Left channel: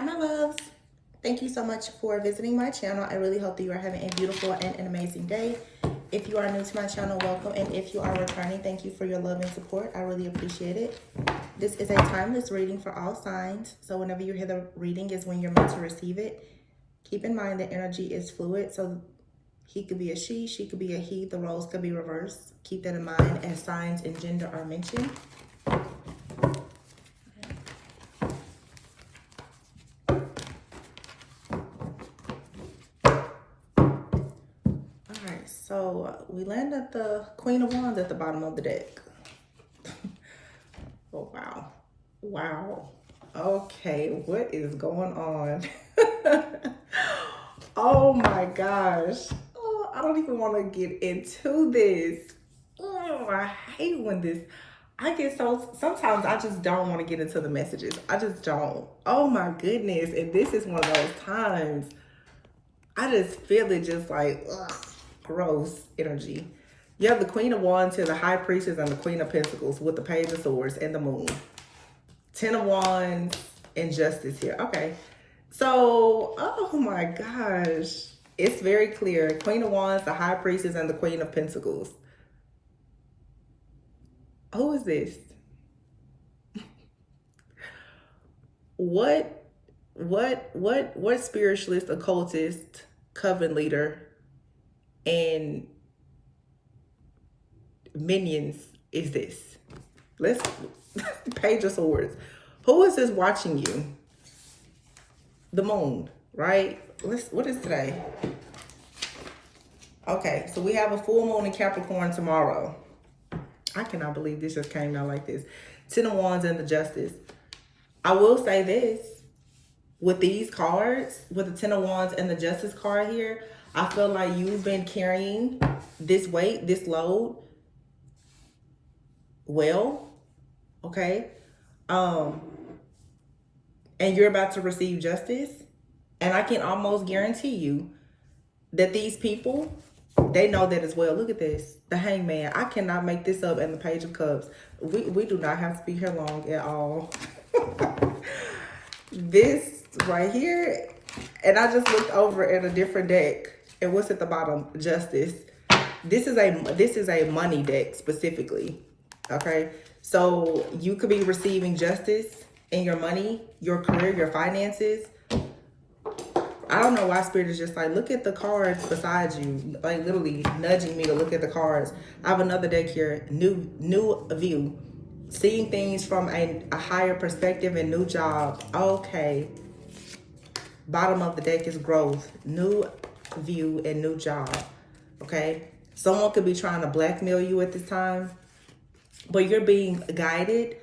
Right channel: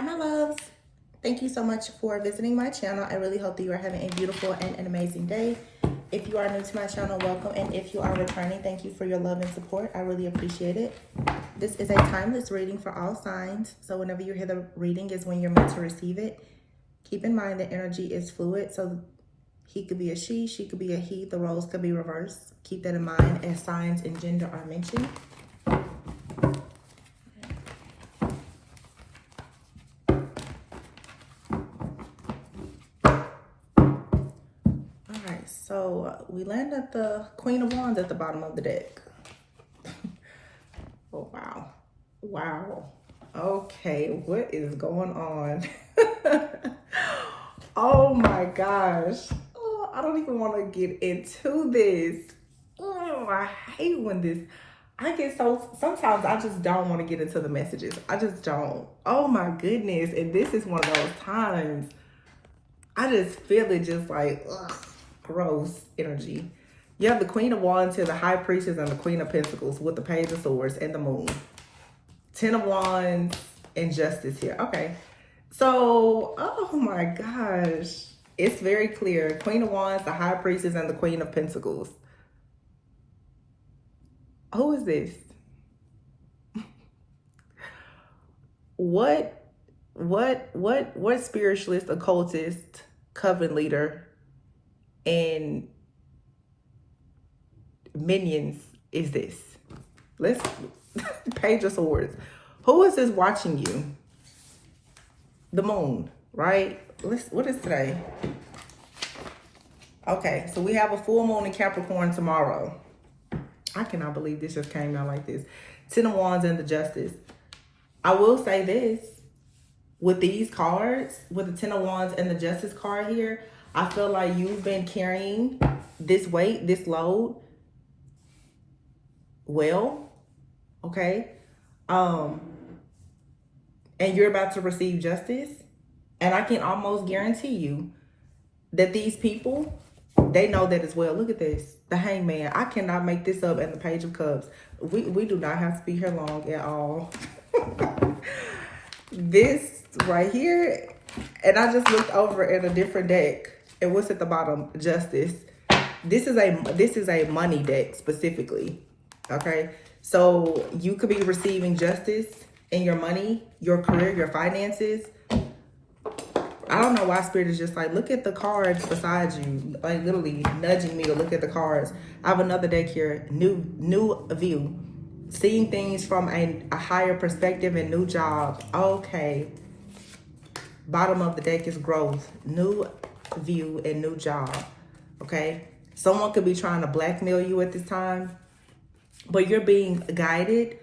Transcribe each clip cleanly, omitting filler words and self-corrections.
Hi, my loves. Thank you so much for visiting my channel. I really hope that you are having a beautiful and an amazing day. If you are new to my channel, welcome. And if you are returning, thank you for your love and support. I really appreciate it. This is a timeless reading for all signs. So whenever you hear the reading is when you're meant to receive it. Keep in mind that energy is fluid. So he could be a she could be a he. The roles could be reversed. Keep that in mind as signs and gender are mentioned. So we land at the Queen of Wands at the bottom of the deck. Oh, wow. Wow. Okay, what is going on? Oh my gosh. Oh, I don't even want to get into this. Oh, I hate when this, I get so, sometimes I just don't want to get into the messages. I just don't. Oh my goodness. And this is one of those times I just feel it just like, ugh. Gross energy. You have the Queen of Wands here, the High Priestess, and the Queen of Pentacles with the Page of Swords and the Moon. 10 of Wands and Justice here. Okay. So, oh my gosh. It's very clear. Queen of Wands, the High Priestess, and the Queen of Pentacles. Who is this? What spiritualist, occultist, coven leader, and minions is this? Let's Page of Swords. Who is this watching you? The moon, right? What is today? Okay, so we have a full moon in Capricorn tomorrow. I cannot believe this just came out like this. 10 of Wands and the Justice. I will say this. With these cards, with the 10 of Wands and the Justice card here, I feel like you've been carrying this weight, this load well, okay? And you're about to receive justice. And I can almost guarantee you that these people, they know that as well. Look at this, the Hangman. I cannot make this up. And the Page of Cups. We do not have to be here long at all. This right here, and I just looked over at a different deck. And what's at the bottom? Justice. This is a money deck specifically. Okay. So you could be receiving justice in your money, your career, your finances. I don't know why Spirit is just like, look at the cards beside you. Like literally nudging me to look at the cards. I have another deck here. New view. Seeing things from a higher perspective and new job. Okay. Bottom of the deck is growth. New view and new job. Okay, someone could be trying to blackmail you at this time, but you're being guided.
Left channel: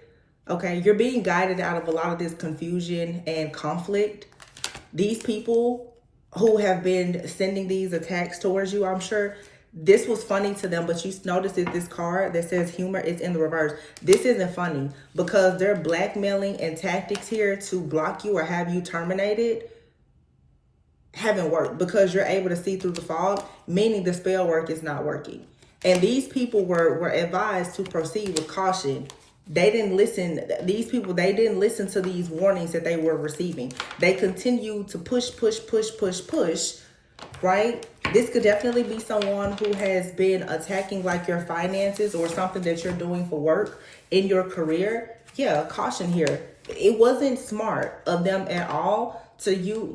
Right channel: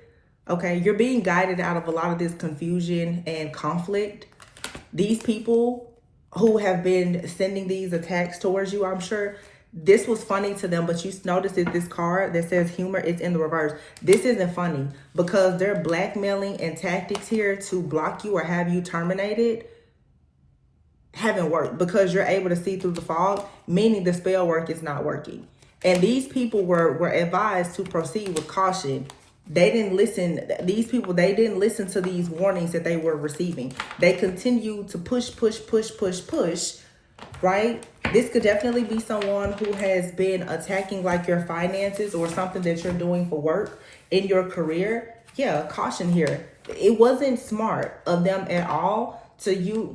Okay, you're being guided out of a lot of this confusion and conflict. These people who have been sending these attacks towards you, I'm sure this was funny to them, but you notice that this card that says humor is in the reverse. This isn't funny because they're blackmailing and tactics here to block you or have you terminated haven't worked because you're able to see through the fog, meaning the spell work is not working. And these people were advised to proceed with caution. They didn't listen. These people, they didn't listen to these warnings that they were receiving. They continue to push, right? This could definitely be someone who has been attacking like your finances or something that you're doing for work in your career. Yeah, caution here. It wasn't smart of them at all to do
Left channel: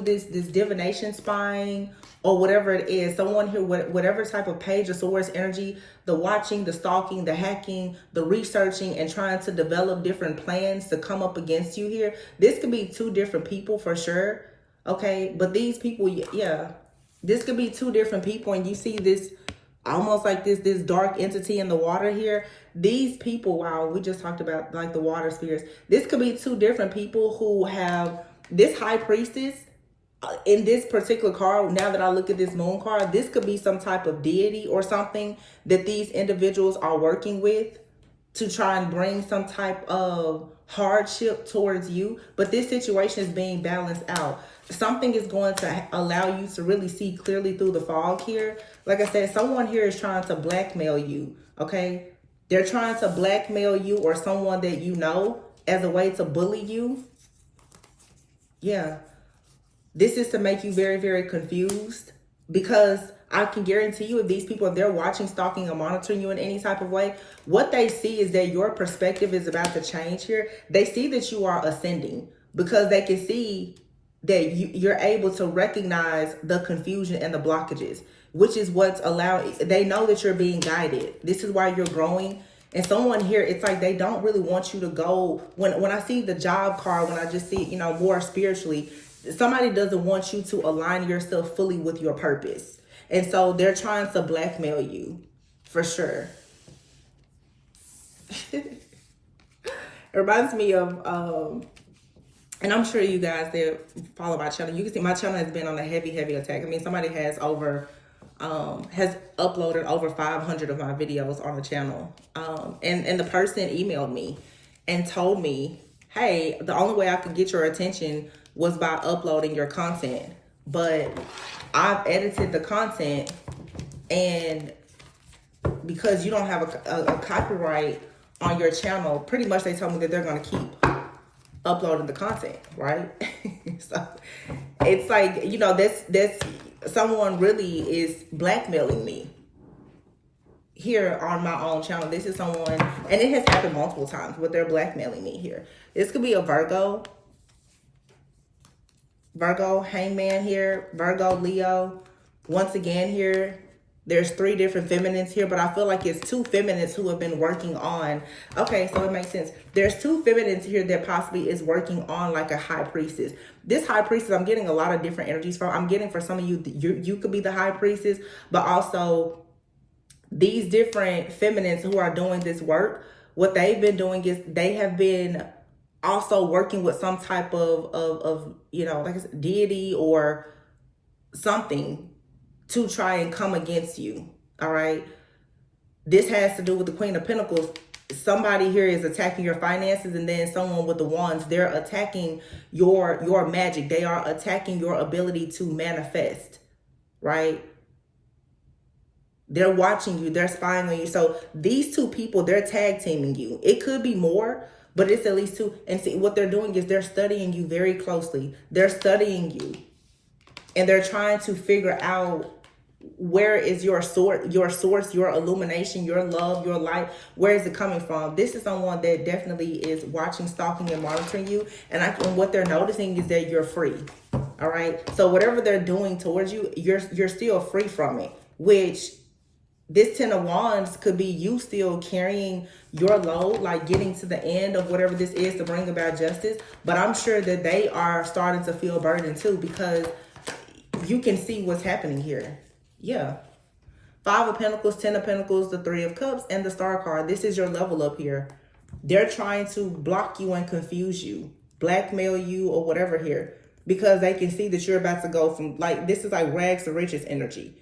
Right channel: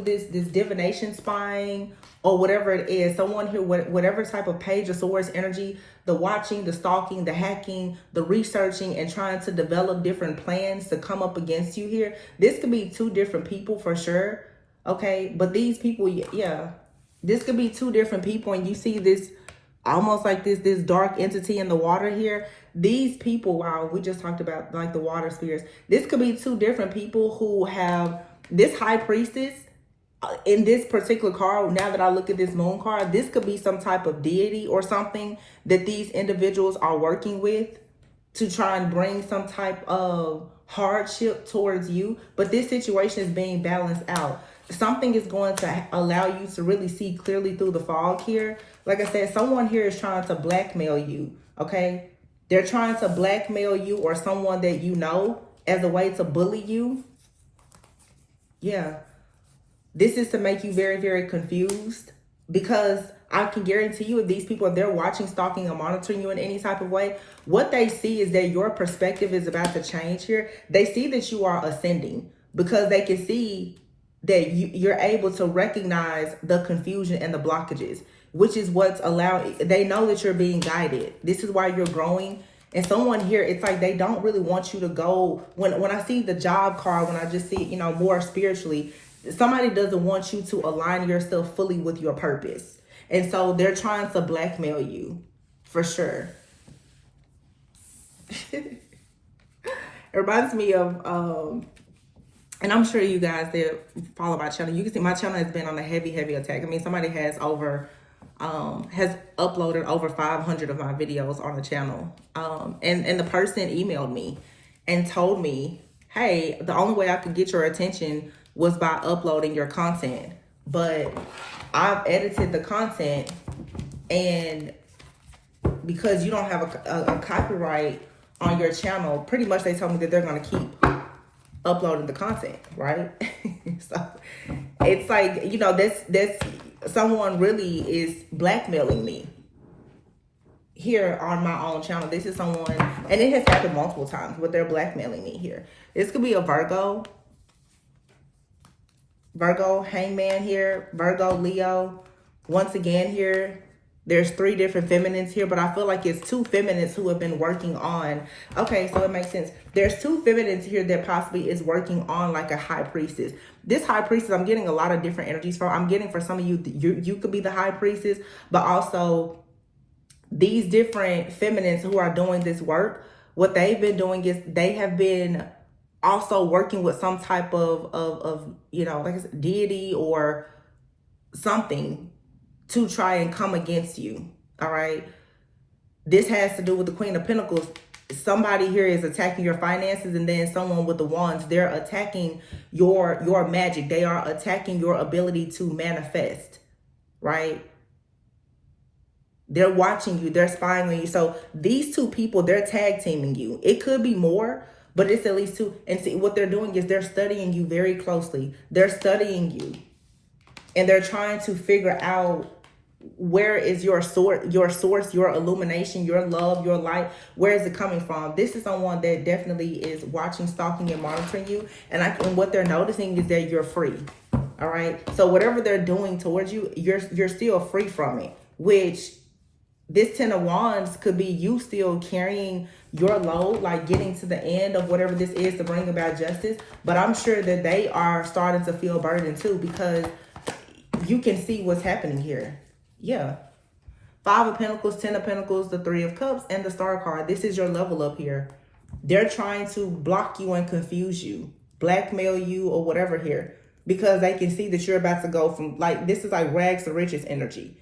this divination spying or whatever it is. Someone here, whatever type of Page of Swords energy, the watching, the stalking, the hacking, the researching, and trying to develop different plans to come up against you here. This could be two different people for sure. Okay, but these people, yeah, this could be two different people, and you see this almost like this dark entity in the water here. These people, wow, we just talked about like the water spirits. This could be two different people who have this High Priestess in this particular card. Now that I look at this moon card, this could be some type of deity or something that these individuals are working with to try and bring some type of hardship towards you. But this situation is being balanced out. Something is going to allow you to really see clearly through the fog here. Like I said, someone here is trying to blackmail you, okay? They're trying to blackmail you or someone that you know as a way to bully you. Yeah. This is to make you very, very confused, because I can guarantee you, if these people, if they're watching, stalking, or monitoring you in any type of way, what they see is that your perspective is about to change here. They see that you are ascending, because they can see that you're able to recognize the confusion and the blockages, which is what's allowing. They know that you're being guided. This is why you're growing. And someone here, it's like they don't really want you to go. When I see the job card, when I just see it, more spiritually, somebody doesn't want you to align yourself fully with your purpose. And so they're trying to blackmail you, for sure. It reminds me of, and I'm sure you guys that follow my channel, you can see my channel has been on a heavy, heavy attack. I mean, somebody has uploaded over 500 of my videos on the channel. And the person emailed me and told me, hey, the only way I could get your attention was by uploading your content. But I've edited the content, and because you don't have a copyright on your channel, pretty much they told me that they're going to keep uploading the content, right? So it's like, that's someone really is blackmailing me here on my own channel. This is someone, and it has happened multiple times, but they're blackmailing me here. This could be a Virgo, hangman here, Virgo, Leo. Once again here, there's 3 different feminines here, but I feel like it's 2 feminines who have been working on. Okay, so it makes sense. There's 2 feminines here that possibly is working on like a high priestess. This high priestess, I'm getting a lot of different energies from. I'm getting for some of you, you could be the high priestess, but also these different feminines who are doing this work, what they've been doing is they have been also working with some type of like I said, deity or something to try and come against you. All right. This has to do with the Queen of Pentacles. Somebody here is attacking your finances, and then someone with the wands, they're attacking your magic. They are attacking your ability to manifest, right? They're watching you. They're spying on you. So these 2 people, they're tag teaming you. It could be more, but it's at least 2. And see, what they're doing is they're studying you very closely. They're studying you, and they're trying to figure out, where is your source, your illumination, your love, your light? Where is it coming from? This is someone that definitely is watching, stalking, and monitoring you. And what they're noticing is that you're free. All right. So whatever they're doing towards you, you're still free from it. Which this 10 of Wands could be you still carrying your load, like getting to the end of whatever this is to bring about justice. But I'm sure that they are starting to feel burdened too, because you can see what's happening here. Yeah. 5 of Pentacles, 10 of Pentacles, the 3 of Cups, and the Star card. This is your level up here. They're trying to block you and confuse you, blackmail you, or whatever here, because they can see that you're about to go from, like, this is like rags to riches energy.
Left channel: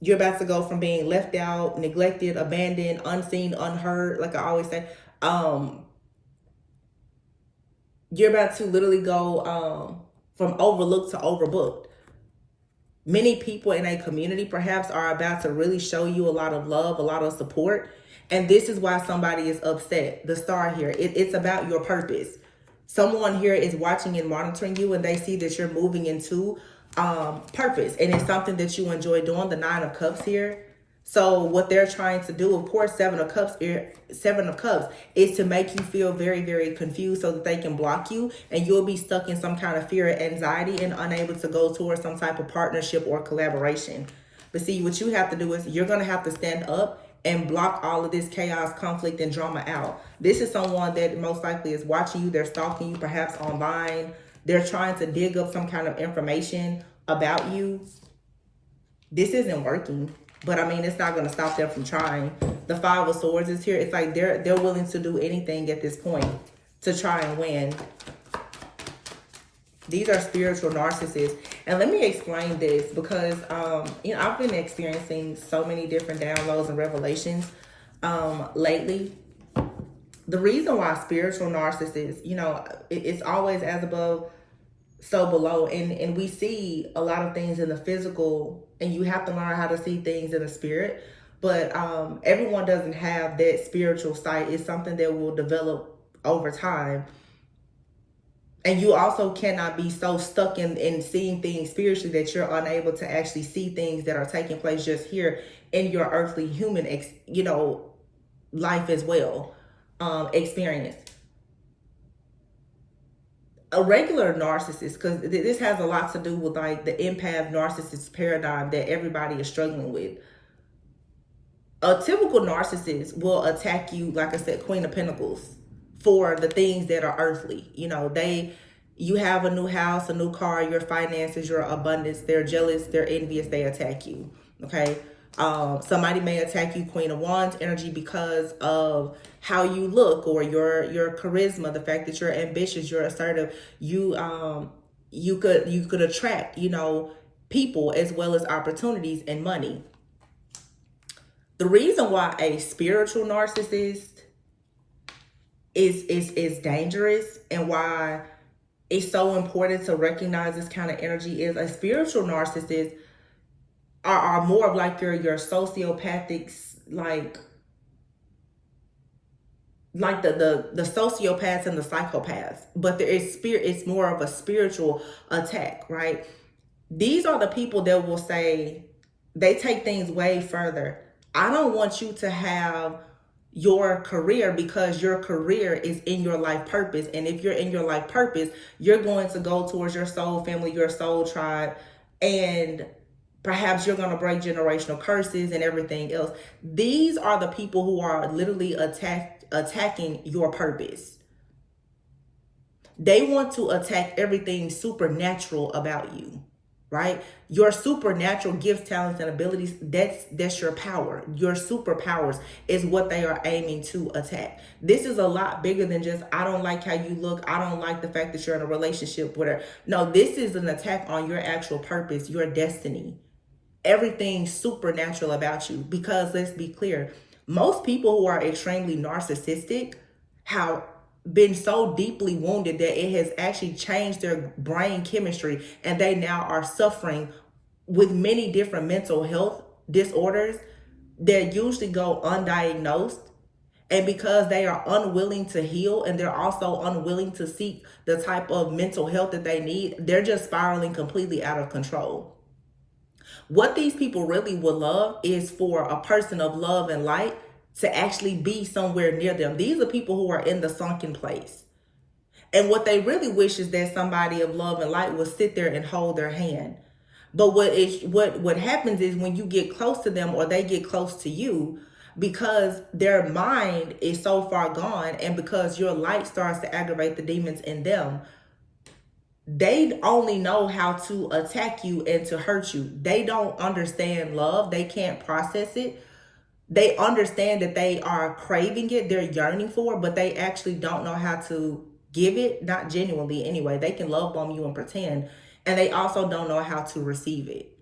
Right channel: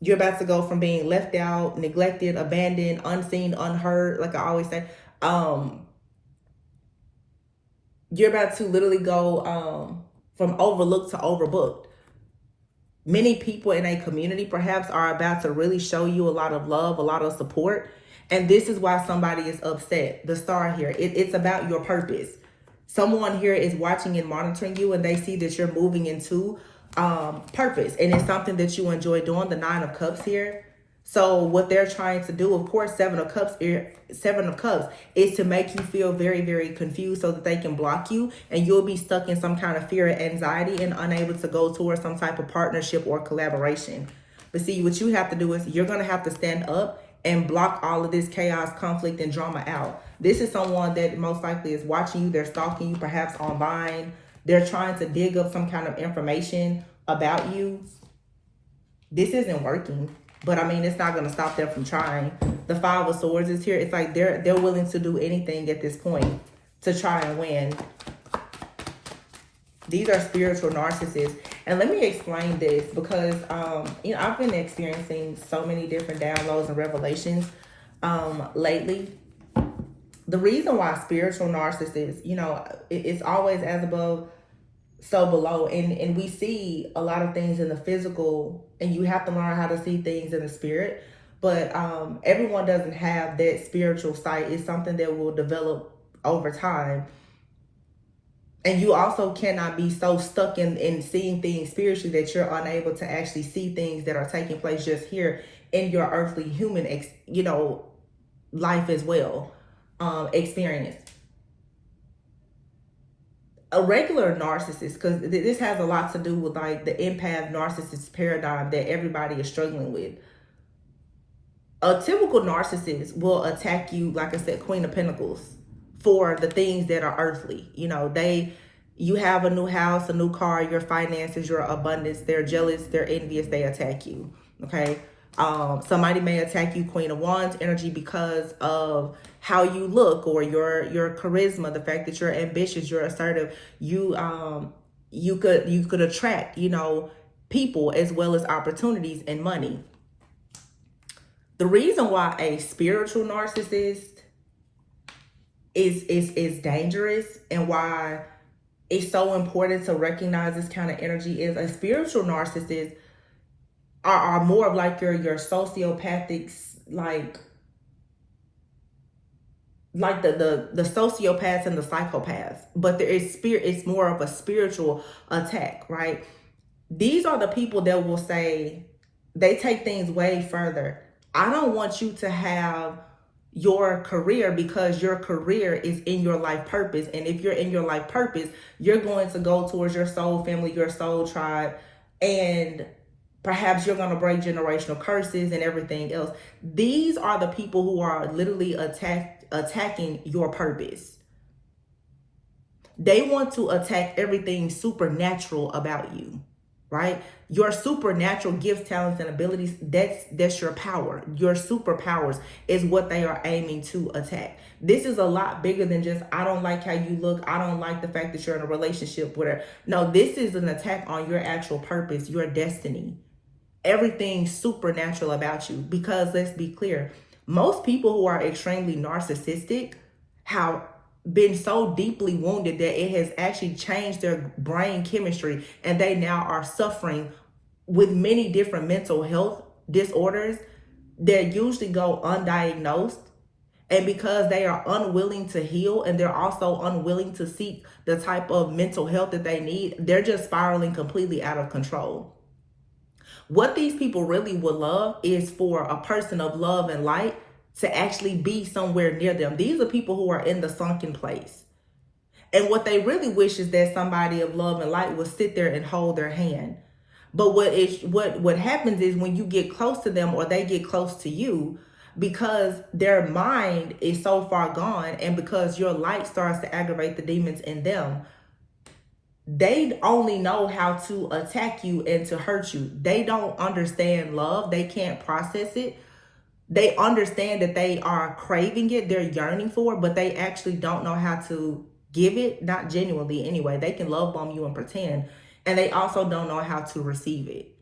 You're about to go from being left out, neglected, abandoned, unseen, unheard, like I always say. You're about to literally go from overlooked to overbooked. Many people in a community perhaps are about to really show you a lot of love, a lot of support. And this is why somebody is upset. The Star here, it's about your purpose. Someone here is watching and monitoring you, and they see that you're moving into purpose. And it's something that you enjoy doing, the 9 of Cups here. So what they're trying to do, of course, 7 of Cups is to make you feel very, very confused so that they can block you, and you'll be stuck in some kind of fear and anxiety and unable to go towards some type of partnership or collaboration. But see, what you have to do is you're going to have to stand up and block all of this chaos, conflict, and drama out. This is someone that most likely is watching you. They're stalking you, perhaps online. They're trying to dig up some kind of information about you. This isn't working. But I mean, it's not going to stop them from trying. The 5 of Swords is here. It's like they're willing to do anything at this point to try and win. These are spiritual narcissists. And let me explain this, because I've been experiencing so many different downloads and revelations lately. The reason why spiritual narcissists, it's always as above, so below, and we see a lot of things in the physical, and you have to learn how to see things in the spirit. But everyone doesn't have that spiritual sight. It's something that will develop over time. And you also cannot be so stuck in seeing things spiritually that you're unable to actually see things that are taking place just here in your earthly human, life as well, experience. A regular narcissist, because this has a lot to do with like the empath narcissist paradigm that everybody is struggling with. A typical narcissist will attack you, like I said, Queen of Pentacles, for the things that are earthly. You have a new house, a new car, your finances, your abundance. They're jealous, they're envious, they attack you. Okay. Somebody may attack you, Queen of Wands energy, because of how you look or your charisma, the fact that you're ambitious, you're assertive. You could attract, people as well as opportunities and money. The reason why a spiritual narcissist is dangerous and why it's so important to recognize this kind of energy is a spiritual narcissist are more of like your sociopathics, like the sociopaths and the psychopaths, but it's more of a spiritual attack, right? These are the people that will say, they take things way further. I don't want you to have your career because your career is in your life purpose. And if you're in your life purpose, you're going to go towards your soul family, your soul tribe, and perhaps you're going to break generational curses and everything else. These are the people who are literally attacking your purpose. They want to attack everything supernatural about you. Right? Your supernatural gifts, talents, and abilities, that's your power. Your superpowers is what they are aiming to attack. This is a lot bigger than just, I don't like how you look. I don't like the fact that you're in a relationship with her. No, this is an attack on your actual purpose, your destiny. Everything supernatural about you. Because let's be clear, most people who are extremely narcissistic have been so deeply wounded that it has actually changed their brain chemistry, and they now are suffering with many different mental health disorders that usually go undiagnosed. And because they are unwilling to heal, and they're also unwilling to seek the type of mental health that they need, they're just spiraling completely out of control. What these people really would love is for a person of love and light to actually be somewhere near them. These are people who are in the sunken place. And what they really wish is that somebody of love and light will sit there and hold their hand. But what happens is when you get close to them or they get close to you, because their mind is so far gone and because your light starts to aggravate the demons in them, they only know how to attack you and to hurt you. They don't understand love. They can't process it. They understand that they are craving it, they're yearning for it, but they actually don't know how to give it, not genuinely anyway. They can love bomb you and pretend, and they also don't know how to receive it.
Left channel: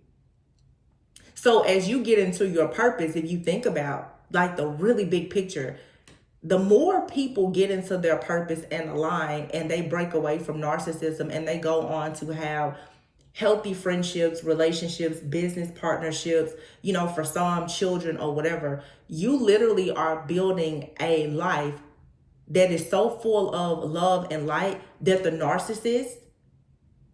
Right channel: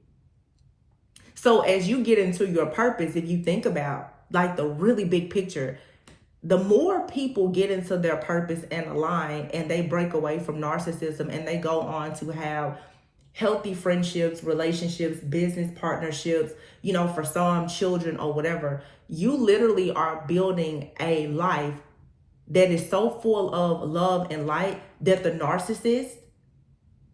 So as you get into your purpose, if you think about like the really big picture, the more people get into their purpose and align and they break away from narcissism and they go on to have healthy friendships, relationships, business partnerships, for some children or whatever, you literally are building a life that is so full of love and light that the narcissist,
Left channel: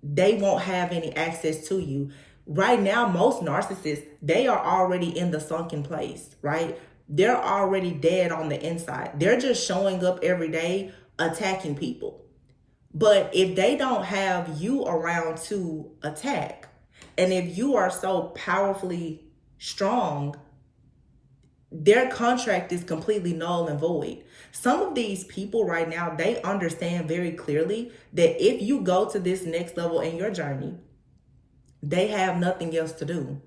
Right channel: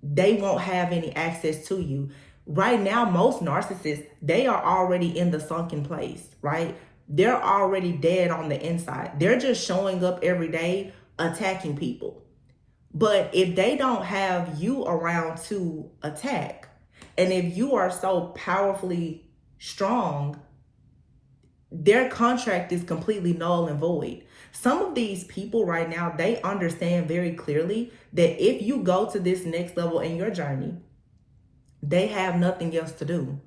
they won't have any access to you. Right now, most narcissists, they are already in the sunken place, right? They're already dead on the inside. They're just showing up every day attacking people. But if they don't have you around to attack, and if you are so powerfully strong, their contract is completely null and void. Some of these people right now, they understand very clearly that if you go to this next level in your journey, they have nothing else to do.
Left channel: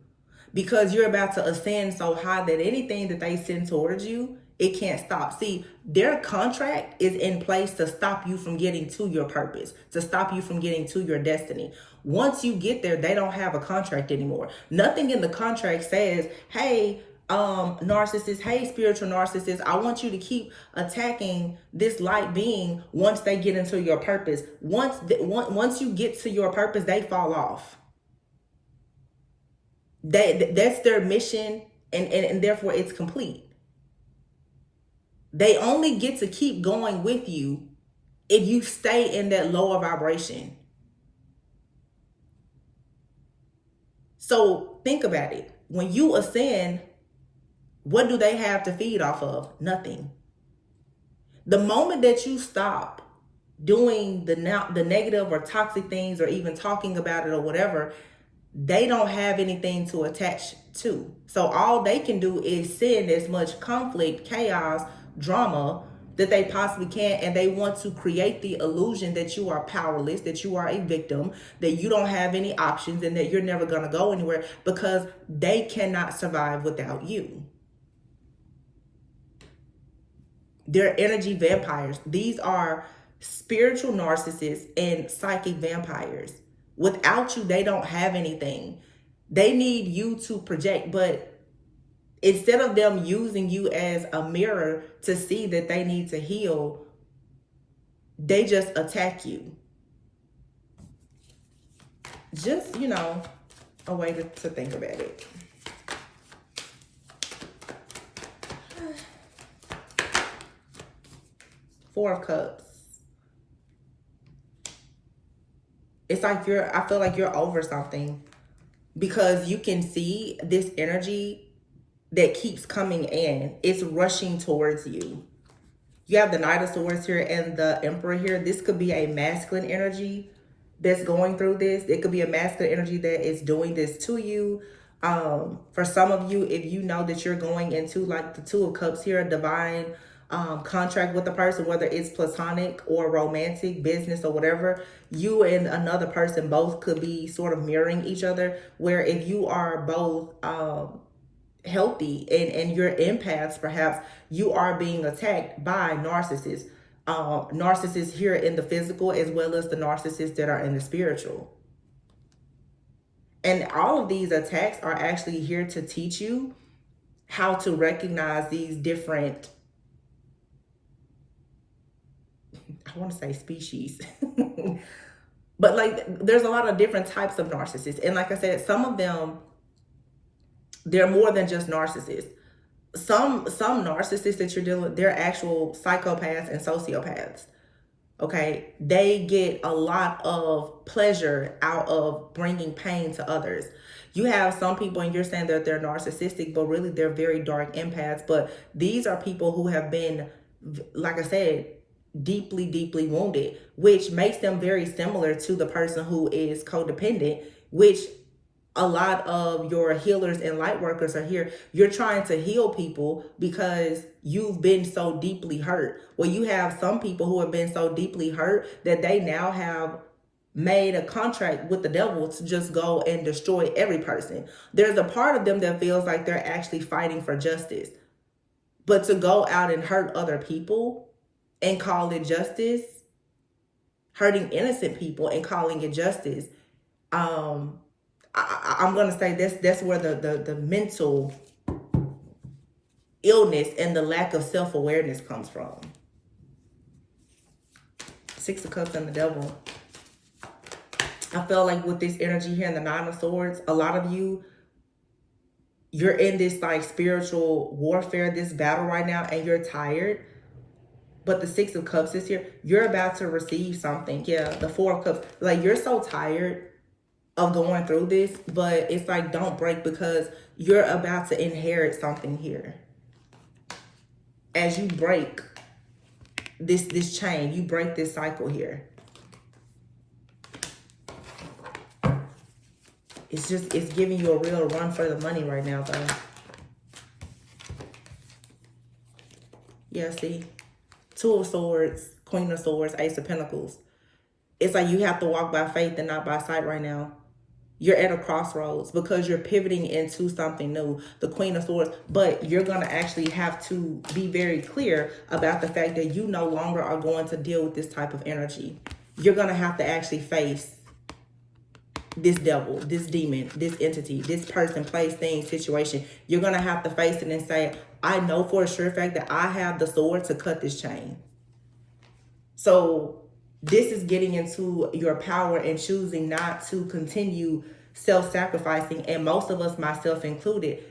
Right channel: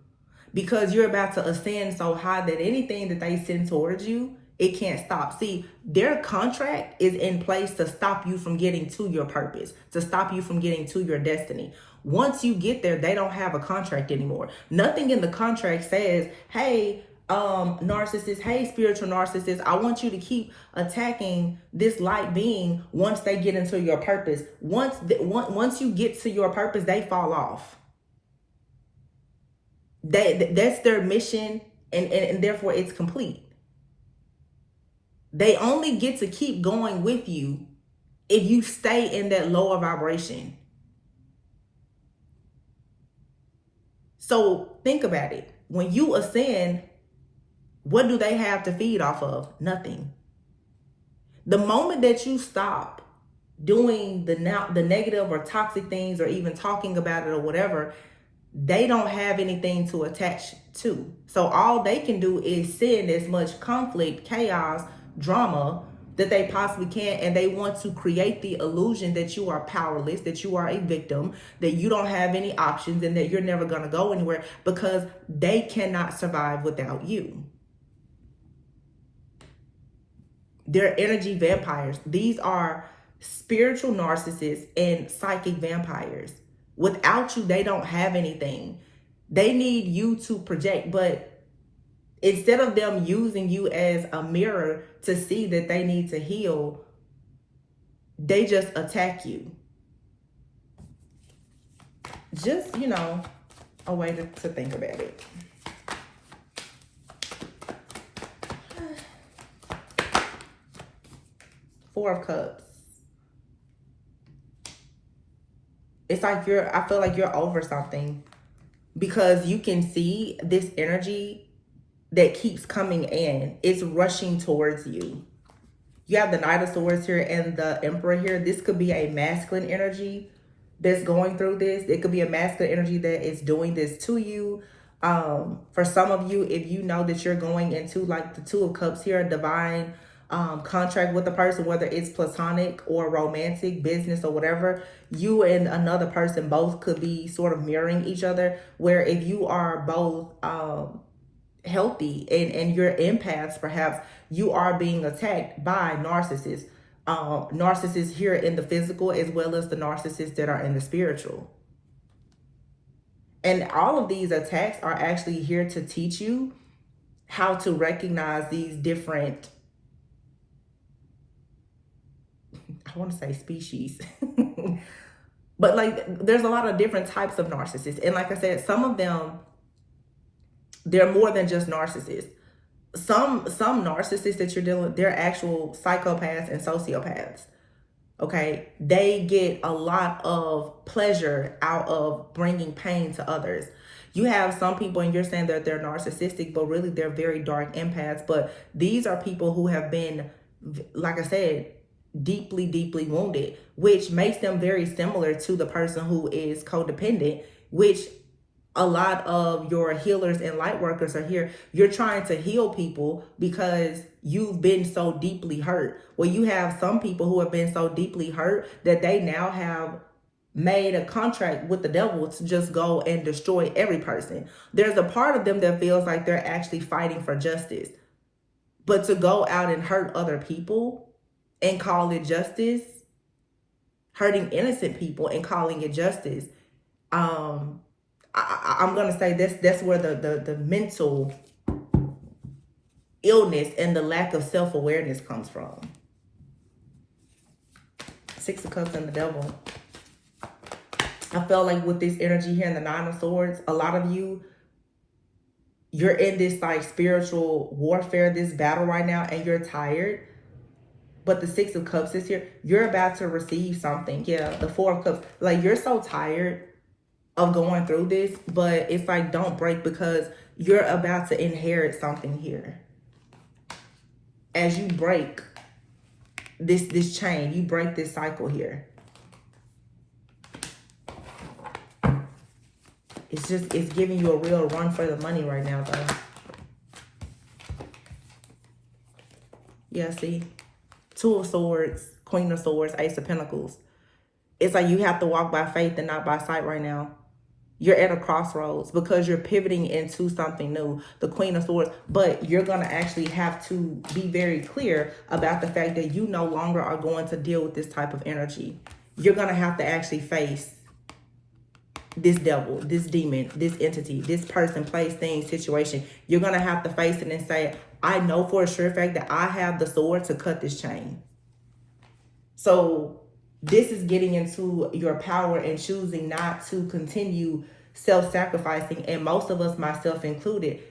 Because you're about to ascend so high that anything that they send towards you, it can't stop. See, their contract is in place to stop you from getting to your purpose, to stop you from getting to your destiny. Once you get there, they don't have a contract anymore. Nothing in the contract says, hey, narcissist, hey, spiritual narcissist, I want you to keep attacking this light being once they get into your purpose. Once you get to your purpose, they fall off. That's their mission, and therefore it's complete. They only get to keep going with you if you stay in that lower vibration. So think about it. When you ascend, what do they have to feed off of? Nothing. The moment that you stop doing the negative or toxic things, or even talking about it or whatever, they don't have anything to attach to. So all they can do is send as much conflict, chaos, drama that they possibly can, and they want to create the illusion that you are powerless, that you are a victim, that you don't have any options, and that you're never going to go anywhere, because they cannot survive without you. They're energy vampires. These are spiritual narcissists and psychic vampires. Without you, they don't have anything. They need you to project, but instead of them using you as a mirror to see that they need to heal, they just attack you. Just, a way to think about it. Four of Cups. It's like I feel like you're over something, because you can see this energy that keeps coming in. It's rushing towards you. You have the Knight of Swords here and the Emperor here. This could be a masculine energy that's going through this. It could be a masculine energy that is doing this to you. For some of you, if you know that you're going into like the Two of Cups here, a divine contract with a person, whether it's platonic or romantic, business or whatever, you and another person both could be sort of mirroring each other, where if you are both healthy and you're empaths, perhaps you are being attacked by narcissists. Narcissists here in the physical, as well as the narcissists that are in the spiritual. And all of these attacks are actually here to teach you how to recognize these different, I want to say species, but like there's a lot of different types of narcissists. And like I said, some of them, they're more than just narcissists. Some narcissists that you're dealing with, they're actual psychopaths and sociopaths. Okay, they get a lot of pleasure out of bringing pain to others. You have some people, and you're saying that they're narcissistic, but really they're very dark empaths. But these are people who have been, like I said, deeply, deeply wounded, which makes them very similar to the person who is codependent, which a lot of your healers and light workers are here. You're trying to heal people because you've been so deeply hurt. Well, you have some people who have been so deeply hurt that they now have made a contract with the devil to just go and destroy every person. There's a part of them that feels like they're actually fighting for justice. But to go out and hurt other people and call it justice, hurting innocent people and calling it justice, I'm going to say that's where the mental illness and the lack of self-awareness comes from. Six of Cups and the Devil. I felt like with this energy here and the Nine of Swords, a lot of you, you're in this like spiritual warfare, this battle right now, and you're tired. But the Six of Cups is here. You're about to receive something. Yeah, the Four of Cups. Like, you're so tired of going through this, but it's like, don't break, because you're about to inherit something here. As you break this chain, you break this cycle here. It's giving you a real run for the money right now, though. Yeah, see? Two of Swords, Queen of Swords, Ace of Pentacles. It's like you have to walk by faith and not by sight right now. You're at a crossroads because you're pivoting into something new, the Queen of Swords, but you're going to actually have to be very clear about the fact that you no longer are going to deal with this type of energy. You're going to have to actually face this devil, this demon, this entity, this person, place, thing, situation. You're going to have to face it and say, I know for a sure fact that I have the sword to cut this chain. So this is getting into your power and choosing not to continue self-sacrificing. And most of us, myself included,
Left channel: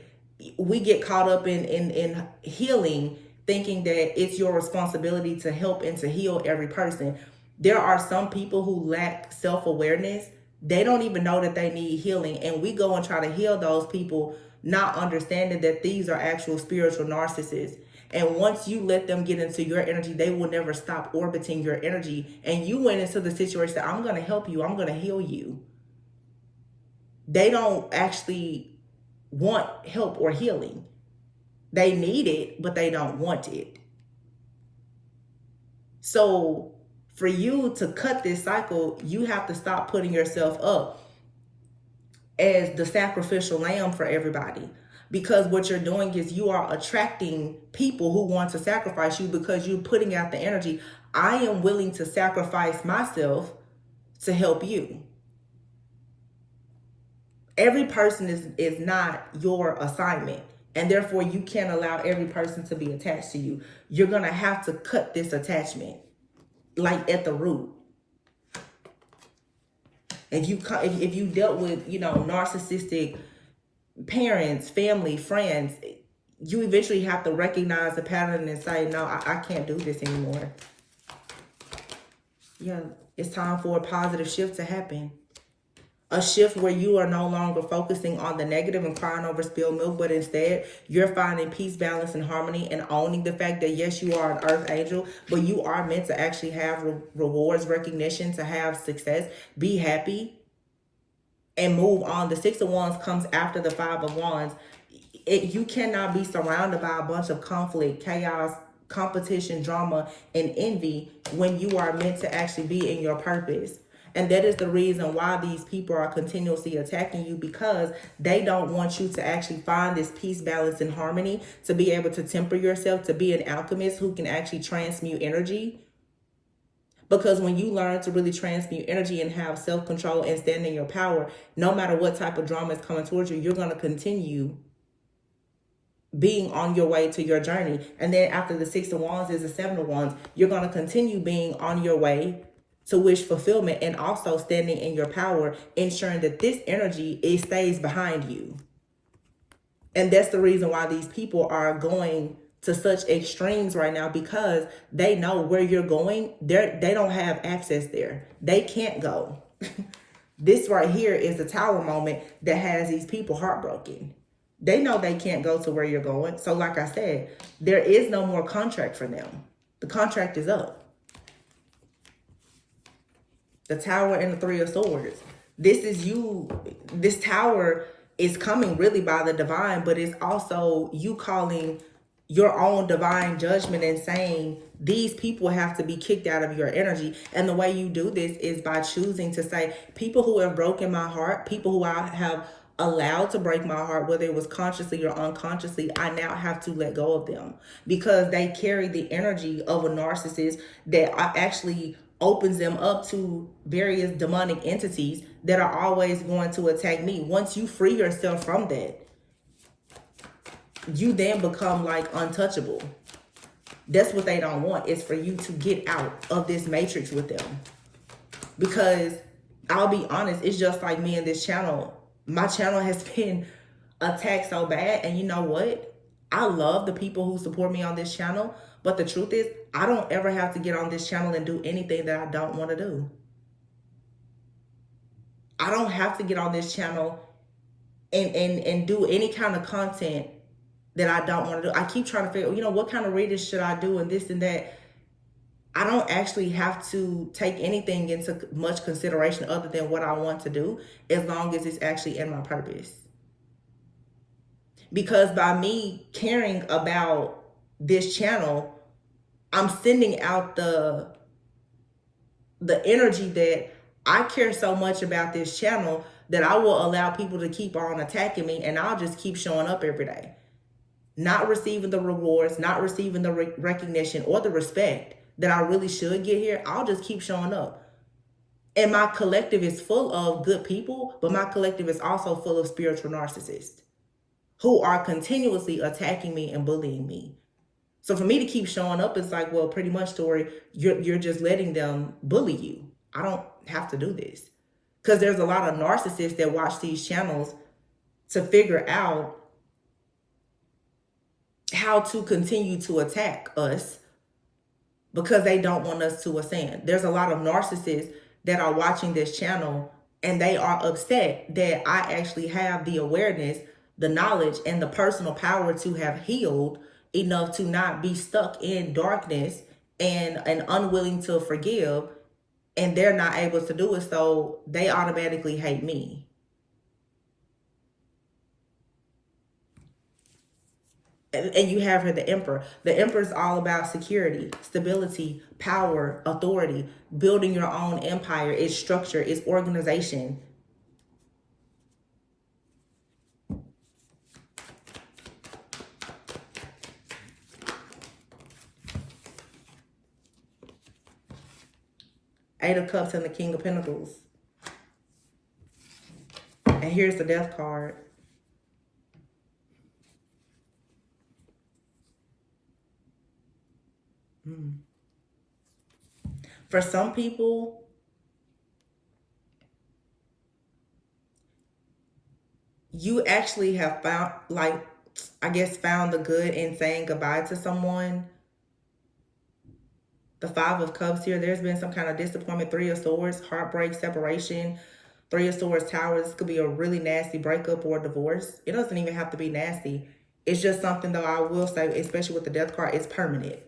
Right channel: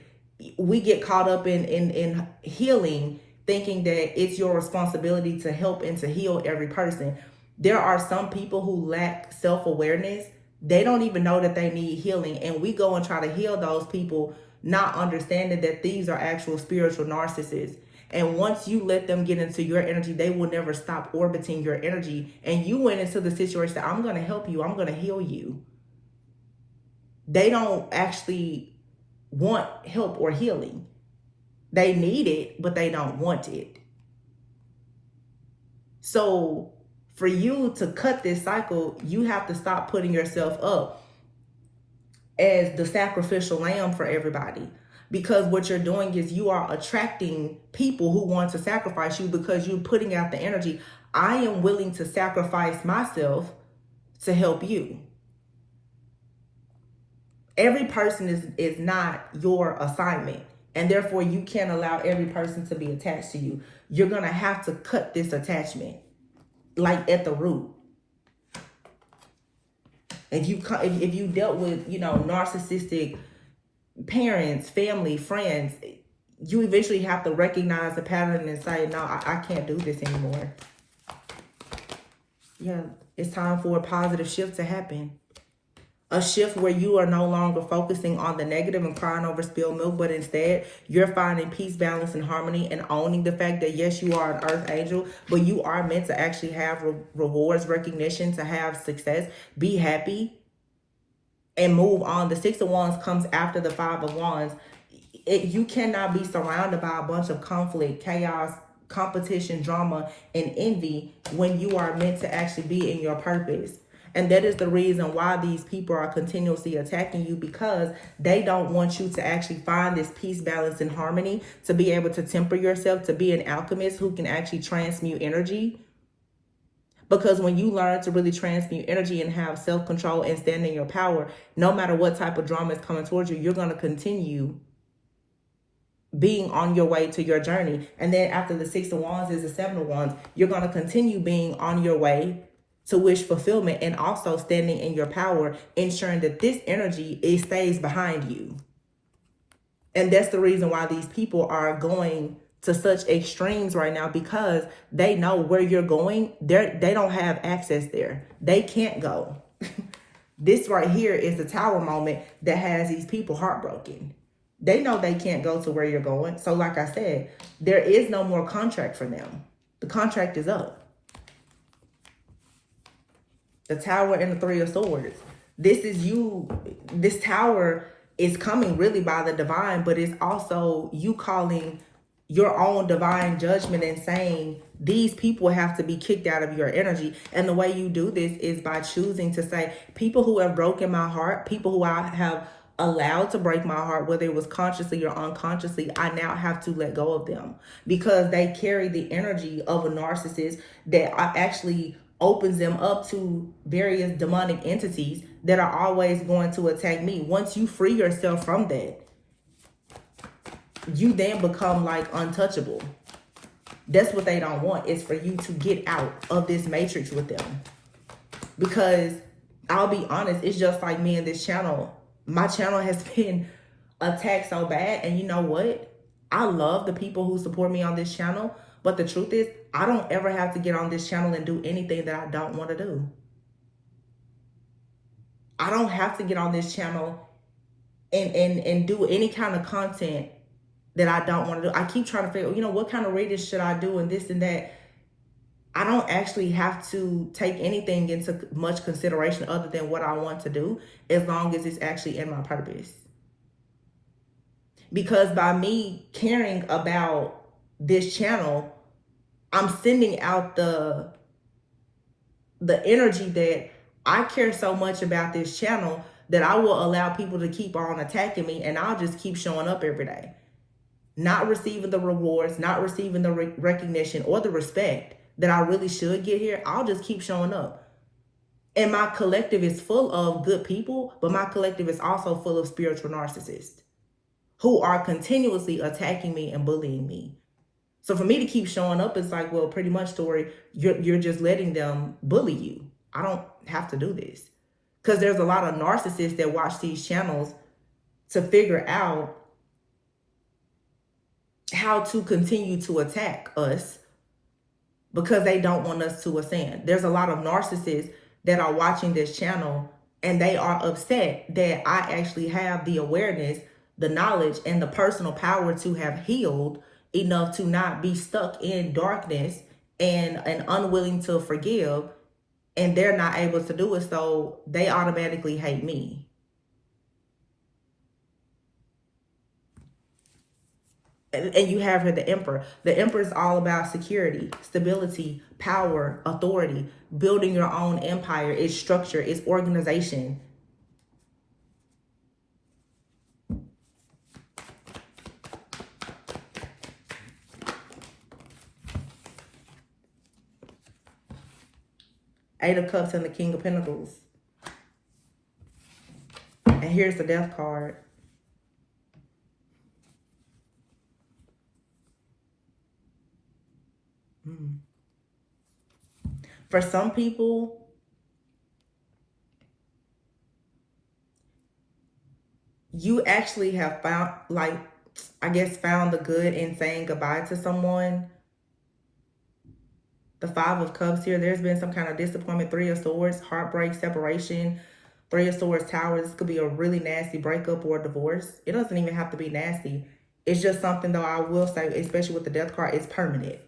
we get caught up in healing thinking that it's your responsibility to help and to heal every person. There are some people who lack self-awareness. They don't even know that they need healing. And we go and try to heal those people, not understanding that these are actual spiritual narcissists. And once you let them get into your energy, they will never stop orbiting your energy. And you went into the situation, I'm going to help you. I'm going to heal you. They don't actually want help or healing. They need it, but they don't want it. So for you to cut this cycle, you have to stop putting yourself up as the sacrificial lamb for everybody. Because what you're doing is you are attracting people who want to sacrifice you because you're putting out the energy. I am willing to sacrifice myself to help you. Every person is not your assignment. And therefore, you can't allow every person to be attached to you. You're going to have to cut this attachment, like at the root. If you dealt with, narcissistic parents, family, friends, you eventually have to recognize the pattern and say, no, I can't do this anymore. Yeah, it's time for a positive shift to happen. A shift where you are no longer focusing on the negative and crying over spilled milk, but instead you're finding peace, balance, and harmony, and owning the fact that yes, you are an earth angel, but you are meant to actually have rewards, recognition, to have success, be happy, and move on. The Six of Wands comes after the Five of Wands. You cannot be surrounded by a bunch of conflict, chaos, competition, drama, and envy when you are meant to actually be in your purpose. And that is the reason why these people are continuously attacking you, because they don't want you to actually find this peace, balance, and harmony, to be able to temper yourself, to be an alchemist who can actually transmute energy. Because when you learn to really transmute energy and have self-control and stand in your power, no matter what type of drama is coming towards you, you're going to continue being on your way to your journey. And then after the Six of Wands is the Seven of Wands, you're going to continue being on your way to wish fulfillment, and also standing in your power, ensuring that this energy, it stays behind you. And that's the reason why these people are going to such extremes right now, because they know where you're going. They don't have access there. They can't go. This right here is the Tower moment that has these people heartbroken. They know they can't go to where you're going. So like I said, there is no more contract for them. The contract is up. The Tower and the Three of Swords. This is you. This Tower is coming really by the divine, but it's also you calling your own divine judgment and saying these people have to be kicked out of your energy. And the way you do this is by choosing to say, people who have broken my heart, people who I have allowed to break my heart, whether it was consciously or unconsciously, I now have to let go of them, because they carry the energy of a narcissist that actually opens them up to various demonic entities that are always going to attack me. Once you free yourself from that, you then become like untouchable. That's what they don't want, is for you to get out of this matrix with them. Because I'll be honest, it's just like me and this channel. My channel has been attacked so bad, and you know what? I love the people who support me on this channel, but the truth is, I don't ever have to get on this channel and do anything that I don't want to do. I don't have to get on this channel and do any kind of content that I don't want to do. I keep trying to figure, what kind of readings should I do and this and that. I don't actually have to take anything into much consideration other than what I want to do, as long as it's actually in my purpose. Because by me caring about this channel, I'm sending out the energy that I care so much about this channel that I will allow people to keep on attacking me, and I'll just keep showing up every day. Not receiving the rewards, not receiving the recognition or the respect that I really should get here. I'll just keep showing up. And my collective is full of good people, but my collective is also full of spiritual narcissists who are continuously attacking me and bullying me. So for me to keep showing up, it's like, well, pretty much, Tori, you're just letting them bully you. I don't have to do this. Because there's a lot of narcissists that watch these channels to figure out how to continue to attack us because they don't want us to ascend. There's a lot of narcissists that are watching this channel and they are upset that I actually have the awareness, the knowledge, and the personal power to have healed enough to not be stuck in darkness and unwilling to forgive, and they're not able to do it, so they automatically hate me. And you have here the Emperor. The Emperor is all about security, stability, power, authority, building your own empire, its structure, its organization. Eight of Cups and the King of Pentacles. And here's the Death card. For some people, you actually have found, like, I guess, found the good in saying goodbye to someone. The Five of Cups here, there's been some kind of disappointment. Three of Swords, heartbreak, separation. Three of Swords, Tower. This could be a really nasty breakup or divorce. It doesn't even have to be nasty. It's just something, though, I will say, especially with the Death card, it's permanent.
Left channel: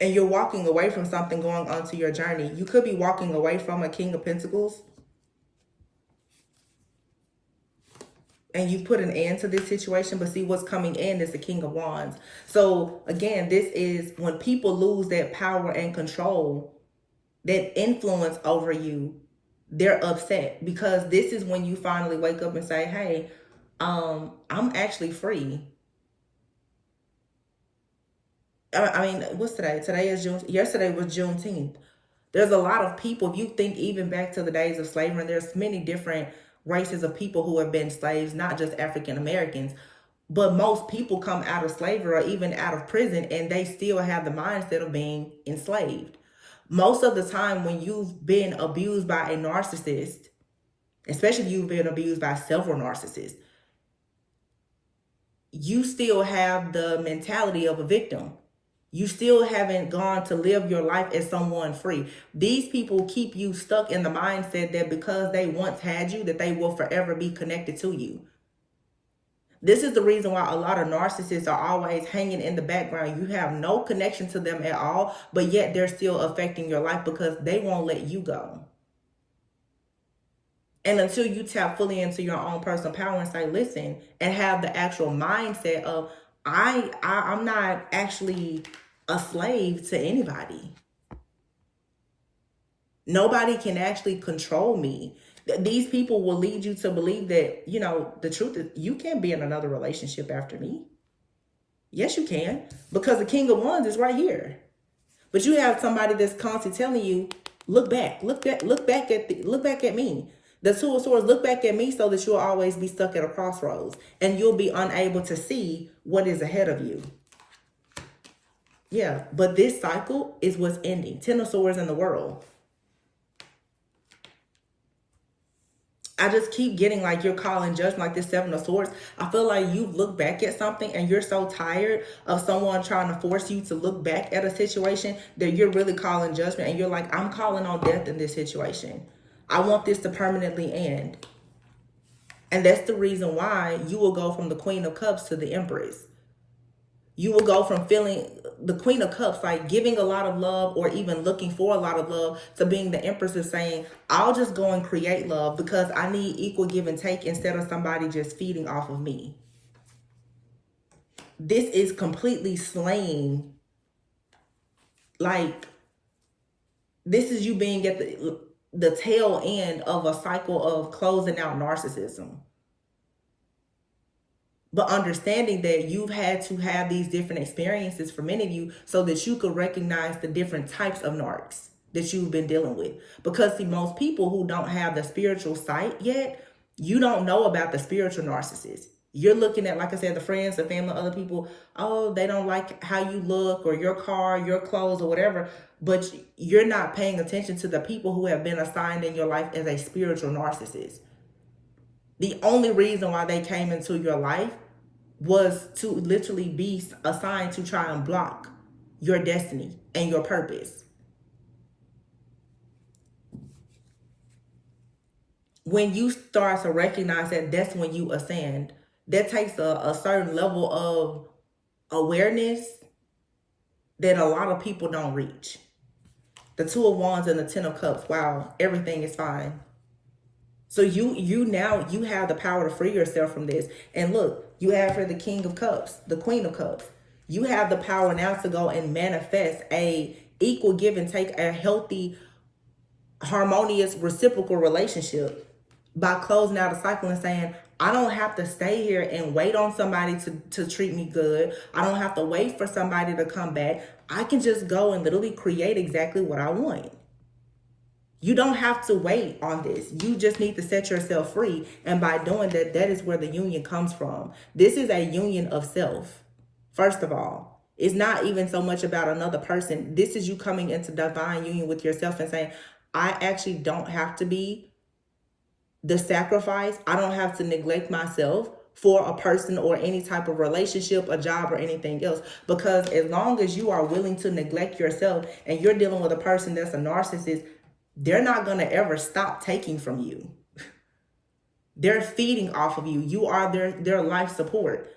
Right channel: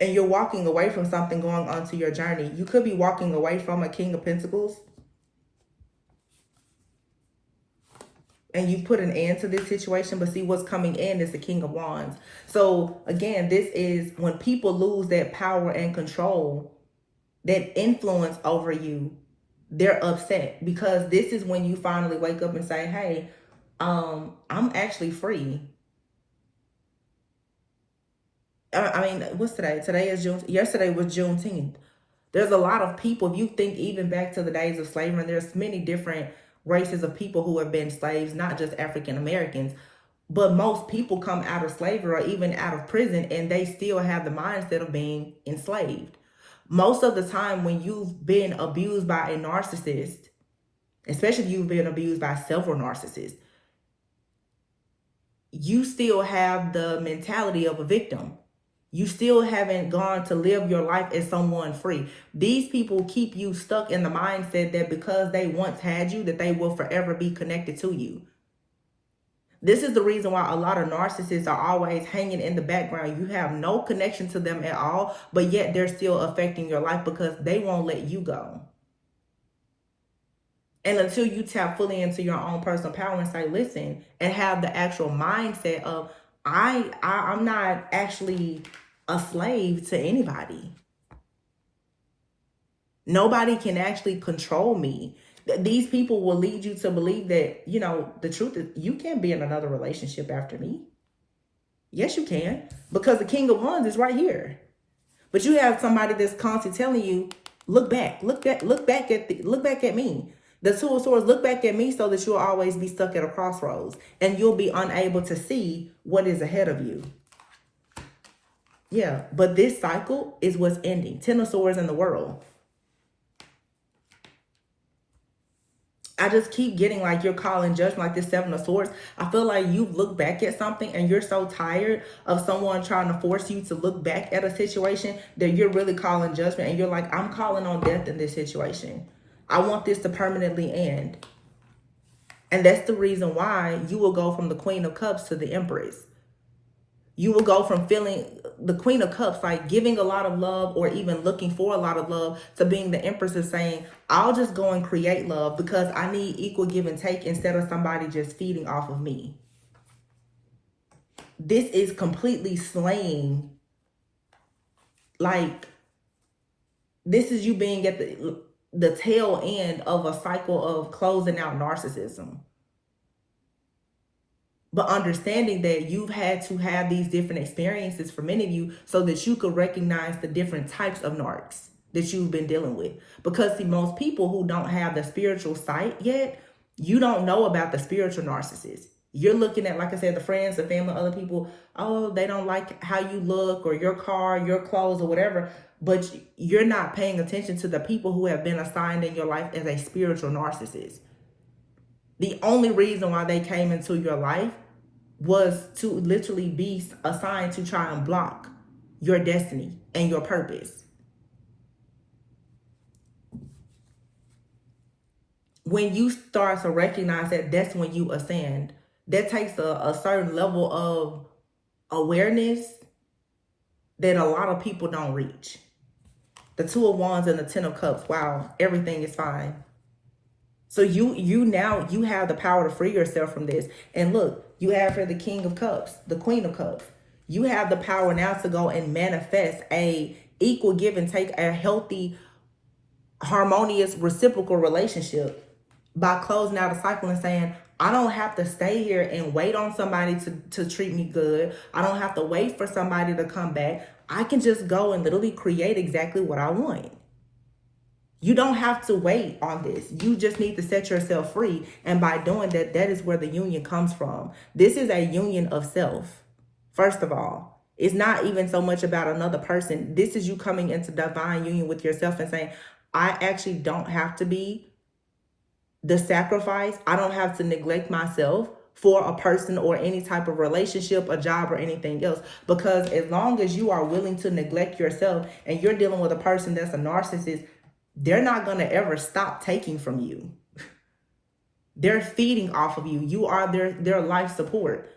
And you're walking away from something going on to your journey. You could be walking away from a King of Pentacles. And you put an end to this situation, but see what's coming in is the King of Wands. So again, this is when people lose that power and control, that influence over you, they're upset, because this is when you finally wake up and say, hey, I'm actually free. I mean, what's today? Today is June. Yesterday was Juneteenth. There's a lot of people, if you think even back to the days of slavery, there's many different races of people who have been slaves, not just African Americans, but most people come out of slavery or even out of prison and they still have the mindset of being enslaved. Most of the time when you've been abused by a narcissist, especially if you've been abused by several narcissists, you still have the mentality of a victim. You still haven't gone to live your life as someone free. These people keep you stuck in the mindset that because they once had you, that they will forever be connected to you. This is the reason why a lot of narcissists are always hanging in the background. You have no connection to them at all, but yet they're still affecting your life because they won't let you go. And until you tap fully into your own personal power and say, listen, and have the actual mindset of, I'm not actually a slave to anybody. Nobody can actually control me. These people will lead you to believe that, you know, the truth is you can't be in another relationship after me. Yes, you can, because the King of Wands is right here. But you have somebody that's constantly telling you, look back at me. The Two of Swords, look back at me, so that you'll always be stuck at a crossroads and you'll be unable to see what is ahead of you. Yeah, but this cycle is what's ending. Ten of Swords in the World. I just keep getting like you're calling judgment, like this Seven of Swords. I feel like you've looked back at something and you're so tired of someone trying to force you to look back at a situation that you're really calling judgment, and you're like, I'm calling on death in this situation. I want this to permanently end. And that's the reason why you will go from the Queen of Cups to the Empress. You will go from feeling the Queen of Cups, like giving a lot of love or even looking for a lot of love, to being the Empress is saying, I'll just go and create love because I need equal give and take instead of somebody just feeding off of me. This is completely slaying. Like, this is you being at the tail end of a cycle of closing out narcissism. But understanding that you've had to have these different experiences for many of you so that you could recognize the different types of narcs that you've been dealing with. Because see, most people who don't have the spiritual sight yet, you don't know about the spiritual narcissist. You're looking at, like I said, the friends, the family, other people, oh, they don't like how you look or your car, your clothes or whatever. But you're not paying attention to the people who have been assigned in your life as a spiritual narcissist. The only reason why they came into your life was to literally be assigned to try and block your destiny and your purpose. When you start to recognize that, that's when you ascend. That takes a certain level of awareness that a lot of people don't reach. The Two of Wands and the Ten of Cups. Wow, everything is fine. So you now you have the power to free yourself from this. And look, you have for the King of Cups, the Queen of Cups. You have the power now to go and manifest a equal give and take, a healthy, harmonious, reciprocal relationship by closing out a cycle and saying, I don't have to stay here and wait on somebody to treat me good. I don't have to wait for somebody to come back. I can just go and literally create exactly what I want. You don't have to wait on this. You just need to set yourself free. And by doing that, that is where the union comes from. This is a union of self. First of all, it's not even so much about another person. This is you coming into divine union with yourself and saying, I actually don't have to be the sacrifice. I don't have to neglect myself for a person or any type of relationship, a job, or anything else. Because as long as you are willing to neglect yourself and you're dealing with a person that's a narcissist, they're not going to ever stop taking from you. They're feeding off of you. You are their life support.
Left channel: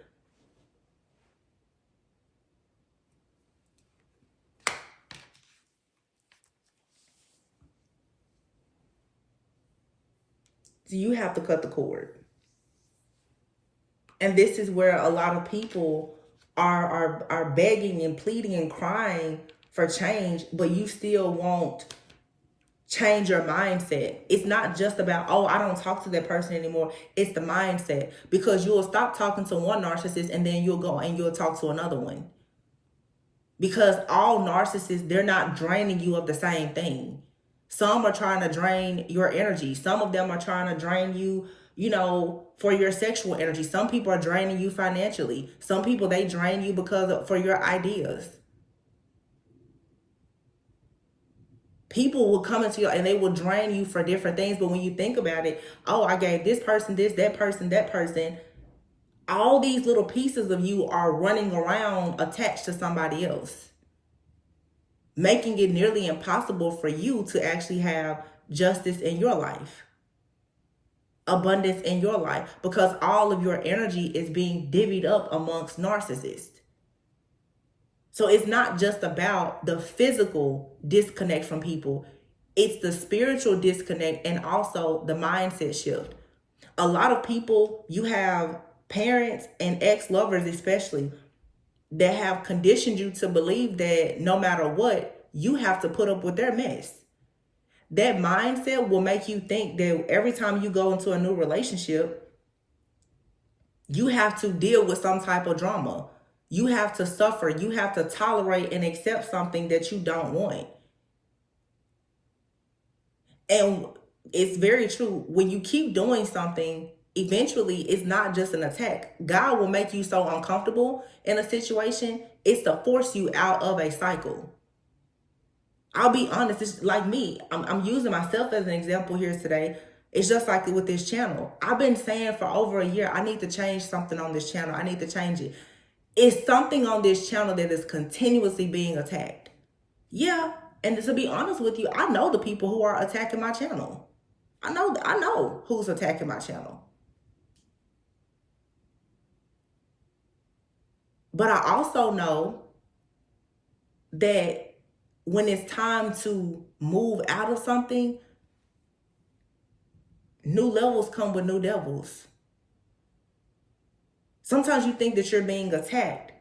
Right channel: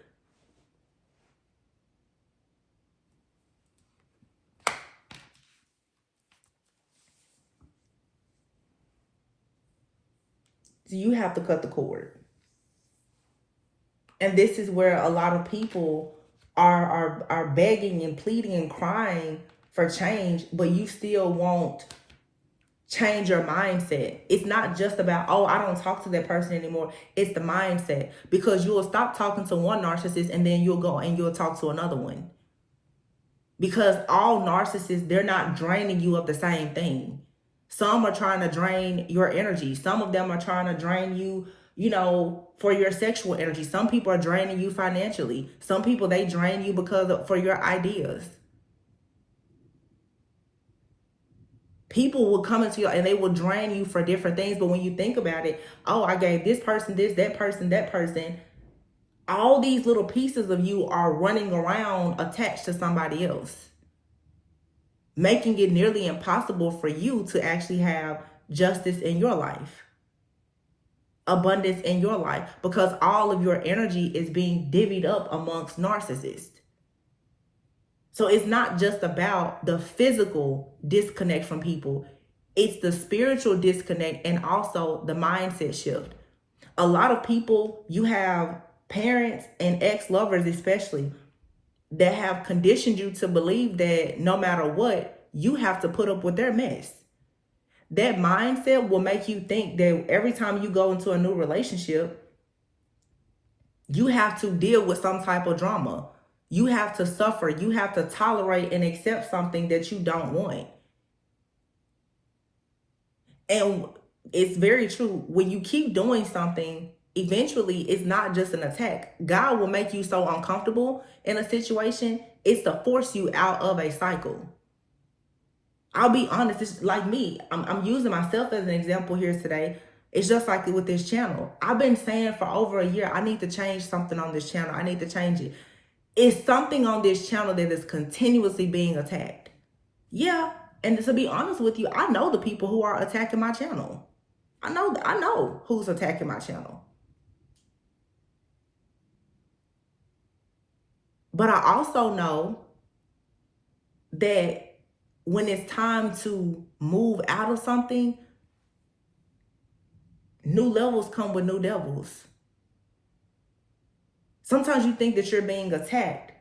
So you have to cut the cord. And this is where a lot of people are begging and pleading and crying for change, but you still won't change your mindset. It's not just about, oh, I don't talk to that person anymore. It's the mindset. Because you will stop talking to one narcissist and then you'll go and you'll talk to another one. Because all narcissists, they're not draining you of the same thing. Some are trying to drain your energy. Some of them are trying to drain you, for your sexual energy. Some people are draining you financially. Some people, they drain you for your ideas. People will come into you and they will drain you for different things. But when you think about it, oh, I gave this person this, that person. All these little pieces of you are running around attached to somebody else, making it nearly impossible for you to actually have justice in your life, abundance in your life, because all of your energy is being divvied up amongst narcissists. So it's not just about the physical disconnect from people. It's the spiritual disconnect and also the mindset shift. A lot of people, you have parents and ex-lovers especially, that have conditioned you to believe that no matter what, you have to put up with their mess. That mindset will make you think that every time you go into a new relationship, you have to deal with some type of drama. You have to suffer. You have to tolerate and accept something that you don't want. And it's very true. When you keep doing something, eventually it's not just an attack. God will make you so uncomfortable in a situation. It's to force you out of a cycle. I'll be honest, it's like me. I'm using myself as an example here today. It's just like with this channel. I've been saying for over a year, I need to change something on this channel. I need to change it. It's something on this channel that is continuously being attacked. Yeah, and to be honest with you, I know the people who are attacking my channel. I know who's attacking my channel. But I also know that when it's time to move out of something, new levels come with new devils. Sometimes you think that you're being attacked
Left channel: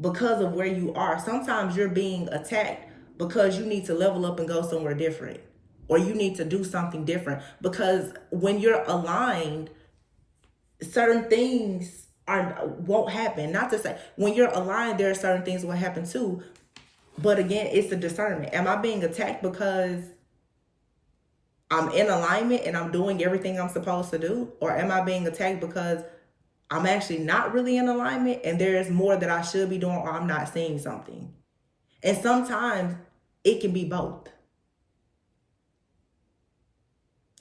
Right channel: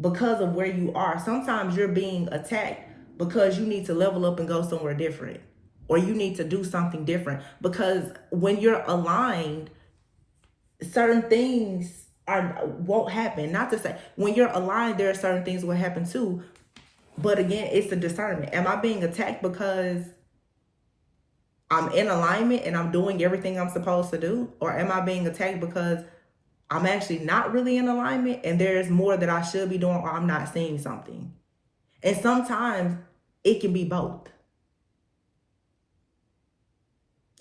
because of where you are. Sometimes you're being attacked because you need to level up and go somewhere different, or you need to do something different. Because when you're aligned, certain things won't happen. Not to say when you're aligned, there are certain things will happen too. But again, it's a discernment. Am I being attacked because I'm in alignment and I'm doing everything I'm supposed to do? Or am I being attacked because I'm actually not really in alignment and there's more that I should be doing, or I'm not seeing something? And sometimes it can be both.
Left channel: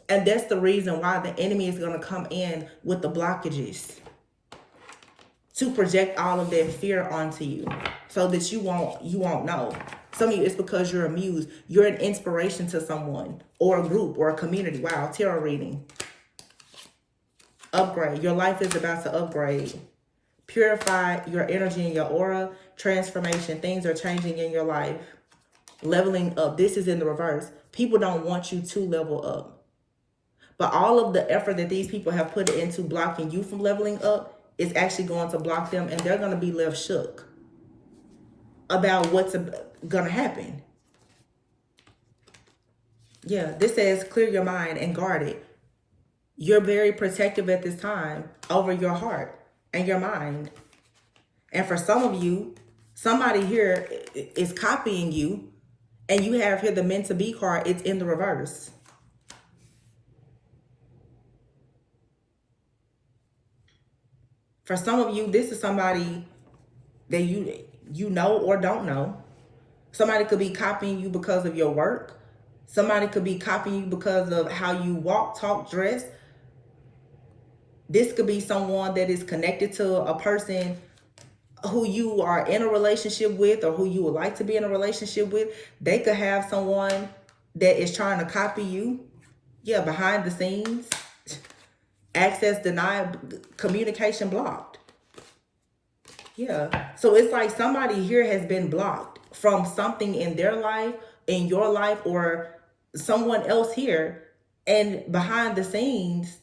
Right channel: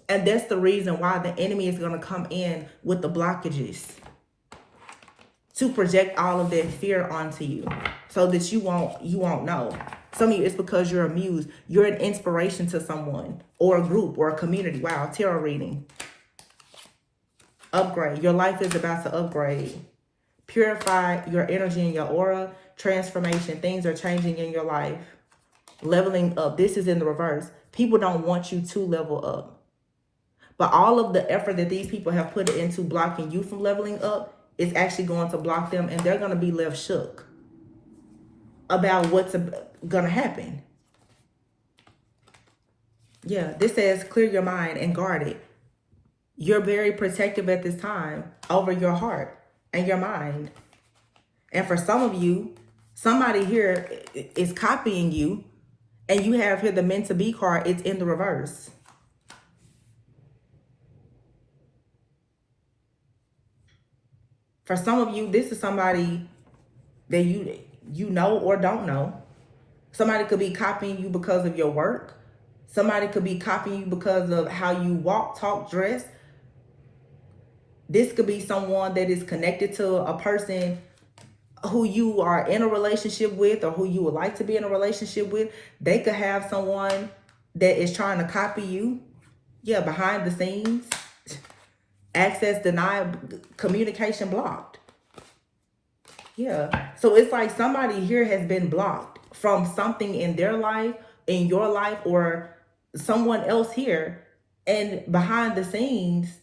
And that's the reason why the enemy is going to come in with the blockages. to project all of that fear onto you so that you won't know. Some of you, it's because you're amused. You're an inspiration to someone or a group or a community. Wow, tarot reading. Upgrade. Your life is about to upgrade. Purify your energy and your aura. Transformation. Things are changing in your life. Leveling up. This is in the reverse. People don't want you to level up. But all of the effort that these people have put into blocking you from leveling up is actually going to block them, and they're going to be left shook about what's going to happen. Yeah, this says clear your mind and guard it. You're very protective at this time over your heart and your mind. And for some of you, somebody here is copying you, and you have here the meant to be card. It's in the reverse. For some of you, this is somebody that you know or don't know. Somebody could be copying you because of your work. Somebody could be copying you because of how you walk, talk, dress. This could be someone that is connected to a person who you are in a relationship with or who you would like to be in a relationship with. They could have someone that is trying to copy you. Yeah, behind the scenes. Access denied, communication blocked. Yeah. So it's like somebody here has been blocked from something in their life, in your life, or someone else here. And behind the scenes,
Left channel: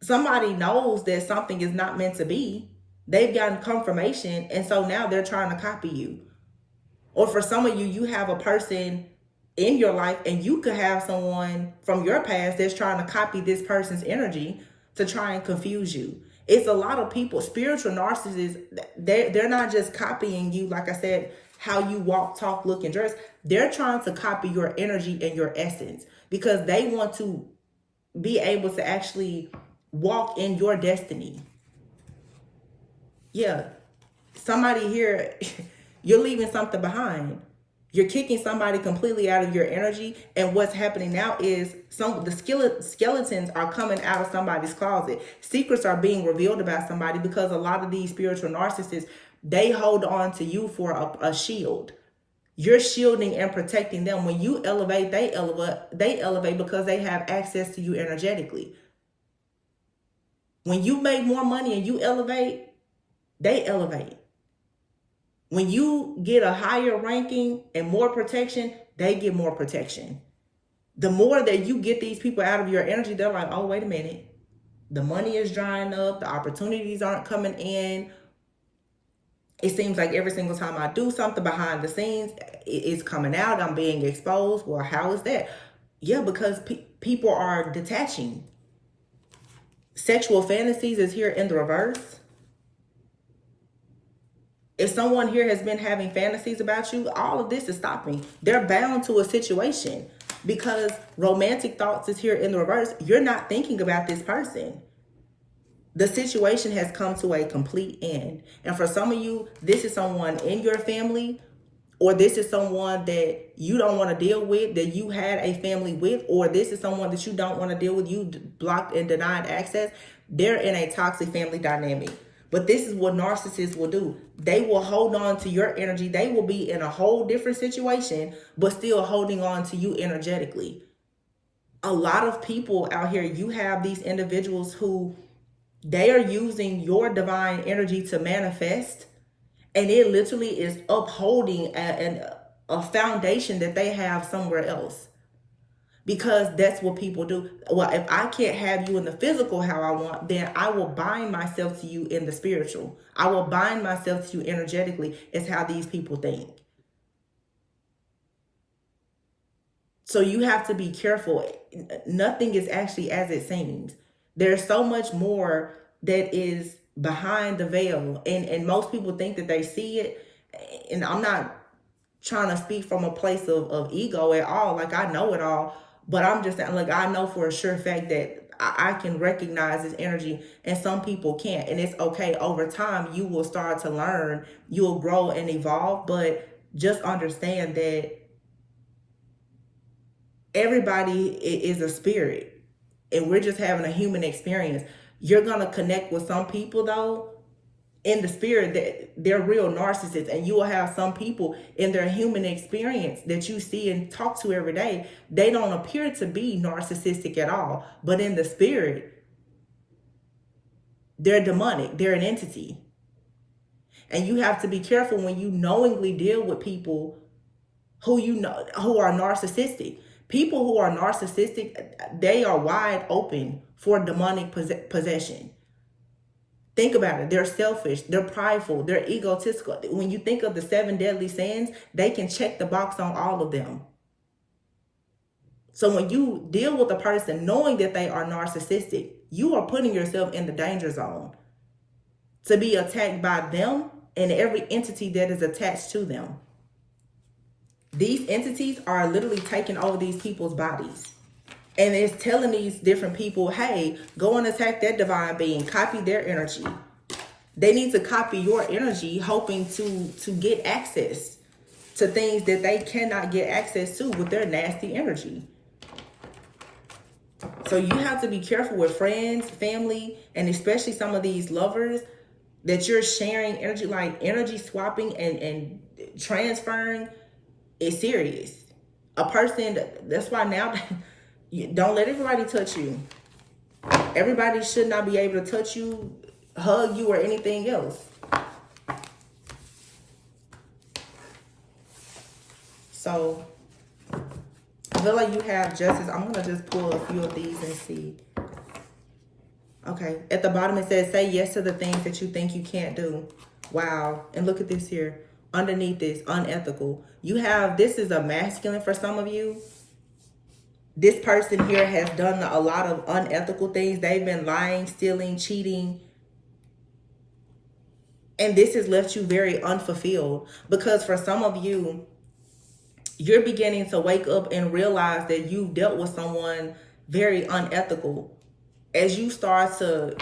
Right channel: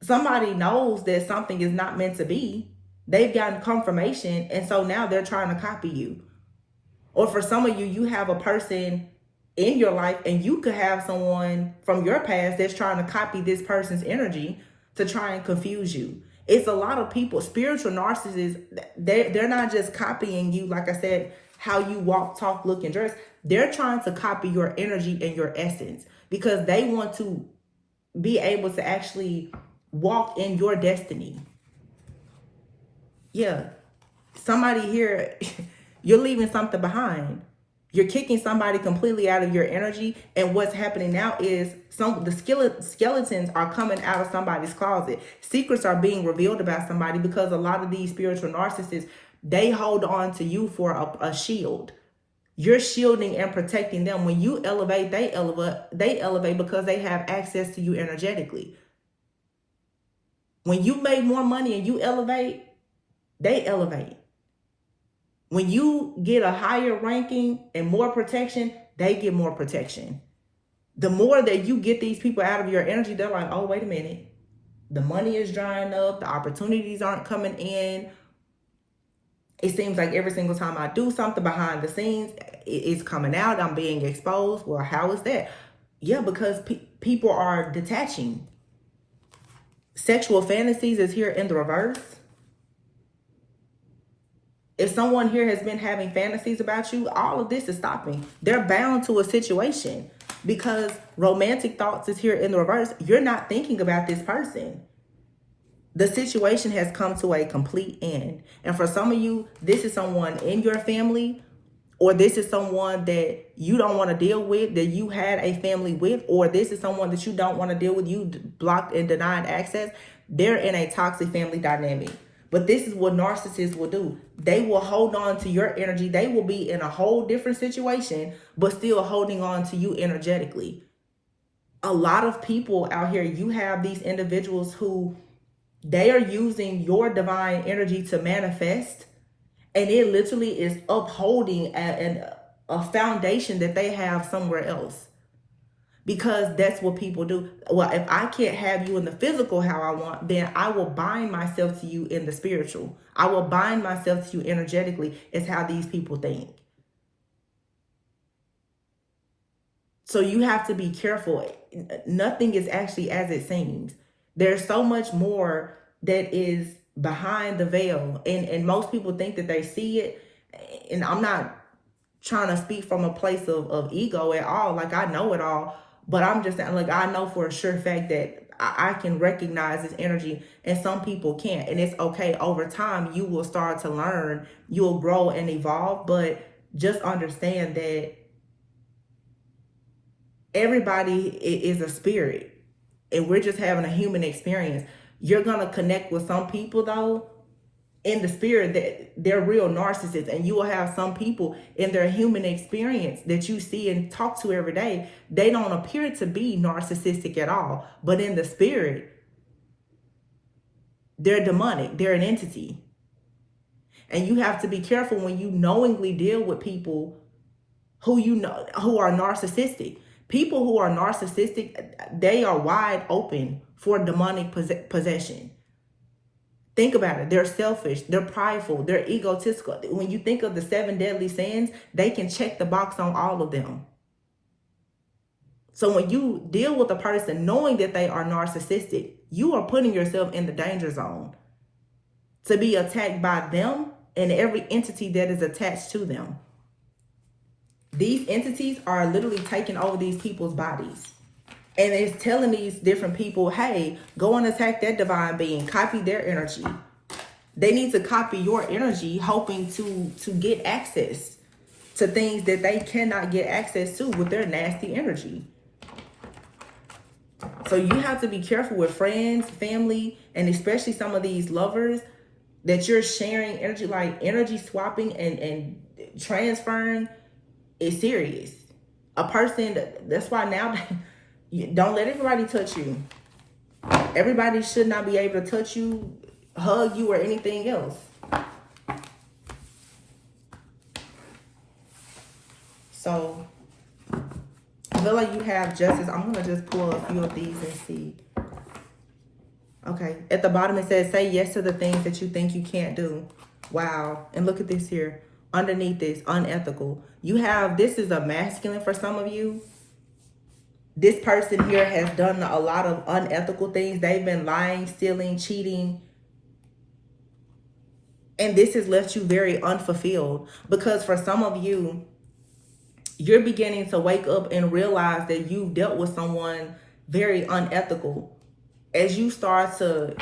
somebody knows that something is not meant to be. They've gotten confirmation, and so now they're trying to copy you. Or for some of you, you have a person in your life, and you could have someone from your past that's trying to copy this person's energy to try and confuse you. It's a lot of people, spiritual narcissists, they're not just copying you, like I said, how you walk, talk, look, and dress. They're trying to copy your energy and your essence because they want to be able to actually walk in your destiny. Yeah. Somebody here, you're leaving something behind. You're kicking somebody completely out of your energy. And what's happening now is the skeletons are coming out of somebody's closet. Secrets are being revealed about somebody because a lot of these spiritual narcissists, they hold on to you for a shield. You're shielding and protecting them. When you elevate, they elevate because they have access to you energetically. When you make more money and you elevate, they elevate. When you get a higher ranking and more protection, they get more protection. The more that you get these people out of your energy, they're like, oh, wait a minute. The money is drying up. The opportunities aren't coming in. It seems like every single time I do something behind the scenes, it's coming out. I'm being exposed. Well, how is that? Yeah, because people are detaching. Sexual fantasies is here in the reverse. If someone here has been having fantasies about you, all of this is stopping. They're bound to a situation because romantic thoughts is here in the reverse. You're not thinking about this person. The situation has come to a complete end. And for some of you, this is someone in your family, or this is someone that you don't want to deal with, that you had a family with, or this is someone that you don't want to deal with, you blocked and denied access. They're in a toxic family dynamic. But this is what narcissists will do. They will hold on to your energy. They will be in a whole different situation, but still holding on to you energetically. A lot of people out here, you have these individuals who they are using your divine energy to manifest, and it literally is upholding a foundation that they have somewhere else. Because that's what people do. Well, if I can't have you in the physical how I want, then I will bind myself to you in the spiritual. I will bind myself to you energetically, is how these people think. So you have to be careful. Nothing is actually as it seems. There's so much more that is behind the veil. And most people think that they see it. And I'm not trying to speak from a place of ego at all. Like, I know it all. But I'm just saying, look, I know for a sure fact that I can recognize this energy and some people can't. And it's okay. Over time, you will start to learn. You'll grow and evolve. But just understand that everybody is a spirit. And we're just having a human experience. You're going to connect with some people, though, in the spirit that they're real narcissists. And you will have some people in their human experience that you see and talk to every day. They don't appear to be narcissistic at all, but in the spirit, they're demonic. They're an entity. And you have to be careful when you knowingly deal with people who you know who are narcissistic. People who are narcissistic, they are wide open for demonic possession. Think about it. They're selfish. They're prideful. They're egotistical. When you think of the 7 deadly sins, they can check the box on all of them. So when you deal with a person knowing that they are narcissistic, you are putting yourself in the danger zone to be attacked by them and every entity that is attached to them. These entities are literally taking over these people's bodies. And it's telling these different people, hey, go and attack that divine being, copy their energy. They need to copy your energy, hoping to get access to things that they cannot get access to with their nasty energy. So you have to be careful with friends, family, and especially some of these lovers that you're sharing energy, like energy swapping and transferring is serious. A person, that's why now, don't let everybody touch you. Everybody should not be able to touch you, hug you, or anything else. So, I feel like you have justice. I'm going to just pull a few of these and see. Okay. At the bottom it says, say yes to the things that you think you can't do. Wow. And look at this here. Underneath this, unethical. You have, this is a masculine for some of you. This person here has done a lot of unethical things. They've been lying, stealing, cheating. And this has left you very unfulfilled. Because for some of you, you're beginning to wake up and realize that you've dealt with someone very unethical. As you start to,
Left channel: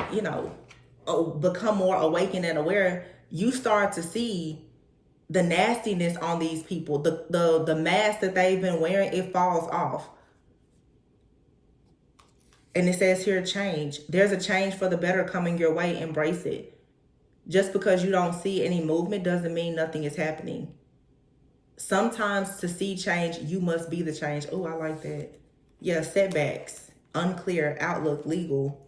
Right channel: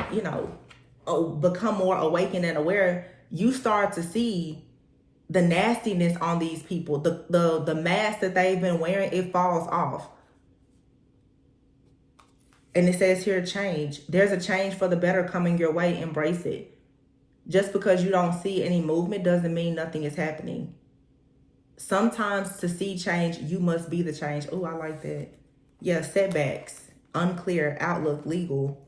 become more awakened and aware, you start to see the nastiness on these people. The mask that they've been wearing, it falls off. And it says here, change. There's a change for the better coming your way. Embrace it. Just because you don't see any movement doesn't mean nothing is happening. Sometimes to see change, you must be the change. Oh, I like that. Yeah, setbacks, unclear outlook, legal.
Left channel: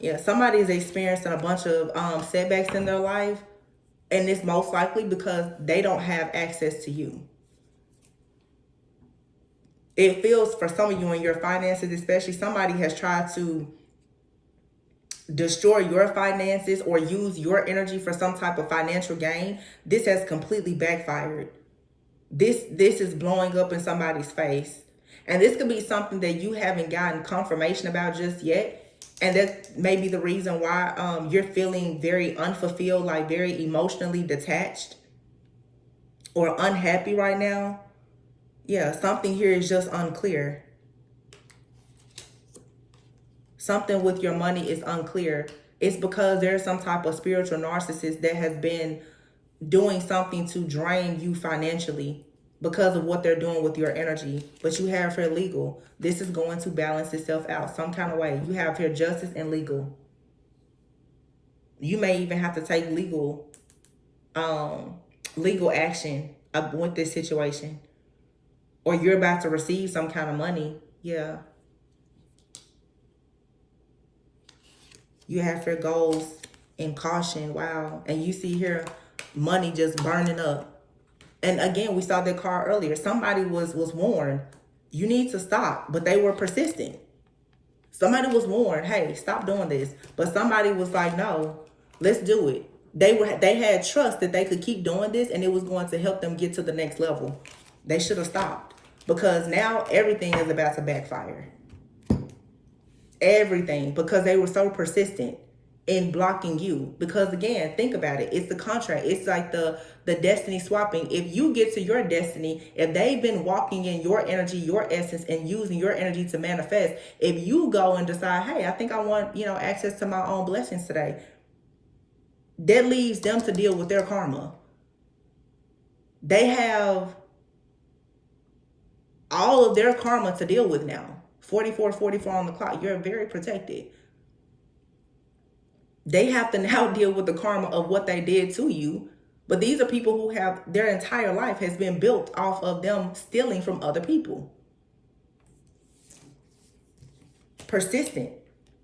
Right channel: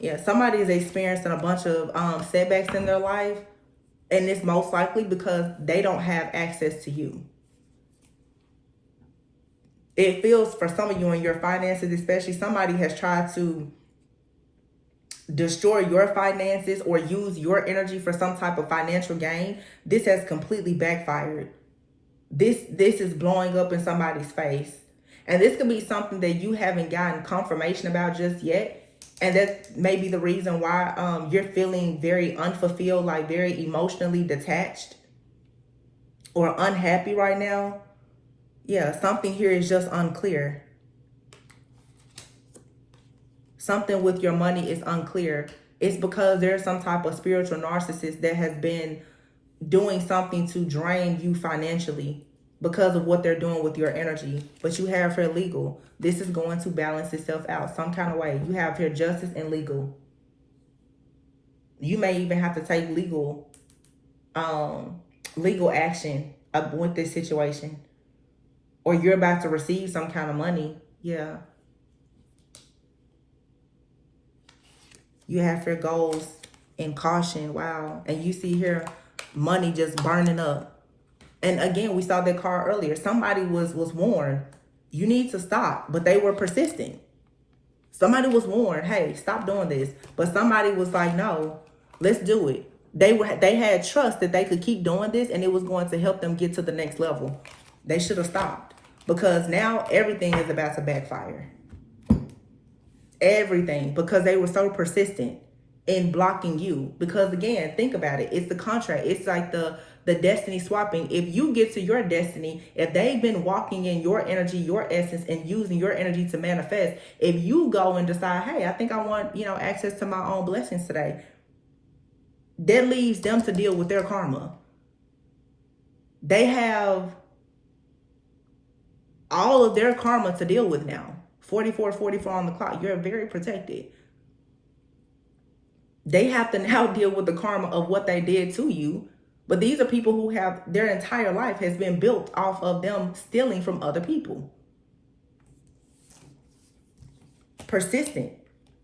Yeah, somebody is experiencing a bunch of setbacks in their life. And it's most likely because they don't have access to you. It feels for some of you in your finances, especially, somebody has tried to destroy your finances or use your energy for some type of financial gain. This has completely backfired. This is blowing up in somebody's face. And this could be something that you haven't gotten confirmation about just yet. And that may be the reason why you're feeling very unfulfilled, like very emotionally detached or unhappy right now. Yeah, something here is just unclear. Something with your money is unclear. It's because there's some type of spiritual narcissist that has been doing something to drain you financially because of what they're doing with your energy. But you have here legal. This is going to balance itself out some kind of way. You have here justice and legal. You may even have to take legal action with this situation. Or you're about to receive some kind of money. Yeah. You have here goals and caution. Wow. And you see here money just burning up. And again, we saw that card earlier. Somebody was warned, you need to stop, but they were persistent. Somebody was warned, hey, stop doing this. But somebody was like, no, let's do it. They had trust that they could keep doing this and it was going to help them get to the next level. They should have stopped, because now everything is about to backfire. Everything, because they were so persistent in blocking you. Because again, think about it. It's the contract. It's like the destiny swapping. If you get to your destiny, if they've been walking in your energy, your essence, and using your energy to manifest, if you go and decide, hey, I think I want, access to my own blessings today, that leaves them to deal with their karma. They have all of their karma to deal with now. 44 on the clock. You're very protected. They have to now deal with the karma of what they did to you. But these are people who have their entire life has been built off of them stealing from other people. Persistent.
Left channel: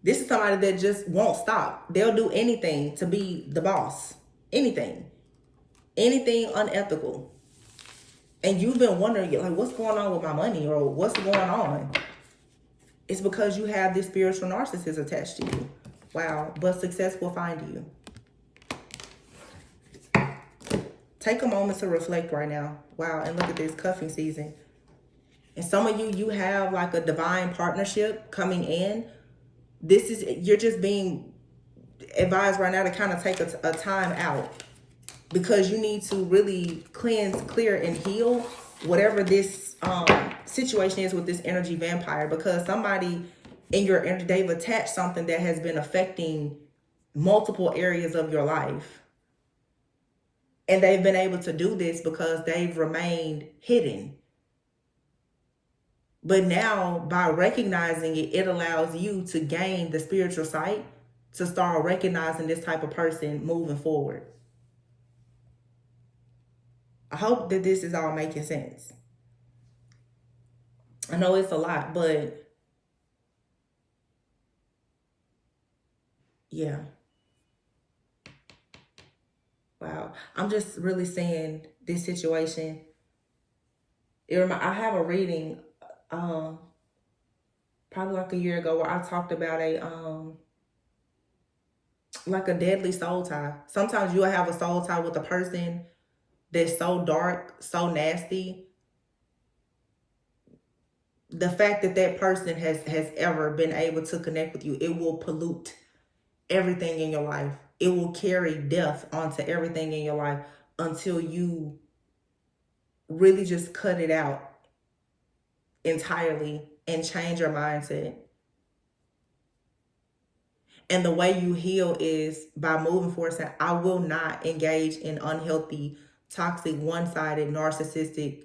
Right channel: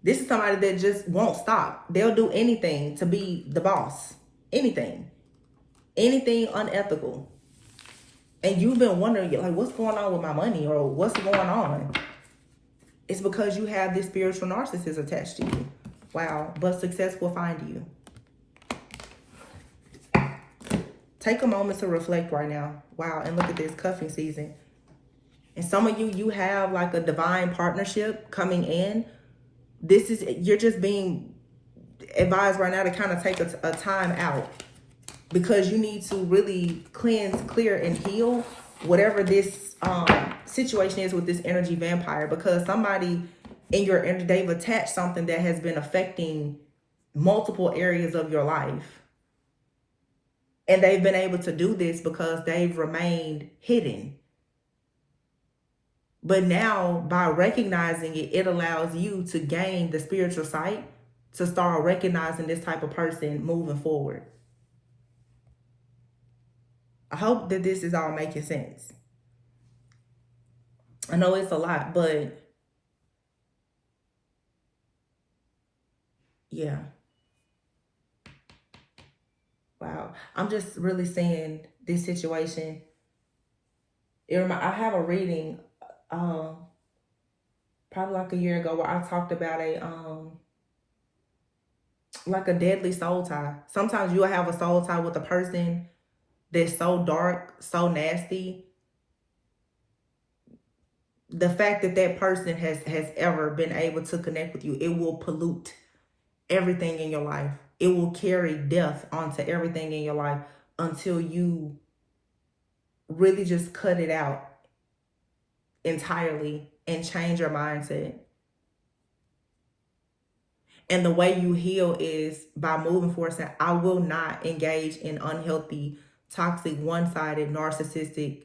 This is somebody that just won't stop. They'll do anything to be the boss. Anything. Anything unethical. And you've been wondering, like, what's going on with my money, or what's going on? It's because you have this spiritual narcissist attached to you. Wow. But success will find you. Take a moment to reflect right now. Wow. And look at this cuffing season. And some of you, you have like a divine partnership coming in. You're just being advised right now to kind of take a time out, because you need to really cleanse, clear, and heal whatever this situation is with this energy vampire. Because somebody in your energy, they've attached something that has been affecting multiple areas of your life. And they've been able to do this because they've remained hidden. But now, by recognizing it, it allows you to gain the spiritual sight to start recognizing this type of person moving forward. I hope that this is all making sense. I know it's a lot, but yeah. Wow. I'm just really saying this situation. I have a reading probably like a year ago where I talked about like a deadly soul tie. Sometimes you'll have a soul tie with a person that's so dark, so nasty. The fact that that person has ever been able to connect with you, it will pollute everything in your life. It will carry death onto everything in your life until you really just cut it out entirely and change your mindset. And the way you heal is by moving forward, saying, I will not engage in unhealthy, toxic, one-sided, narcissistic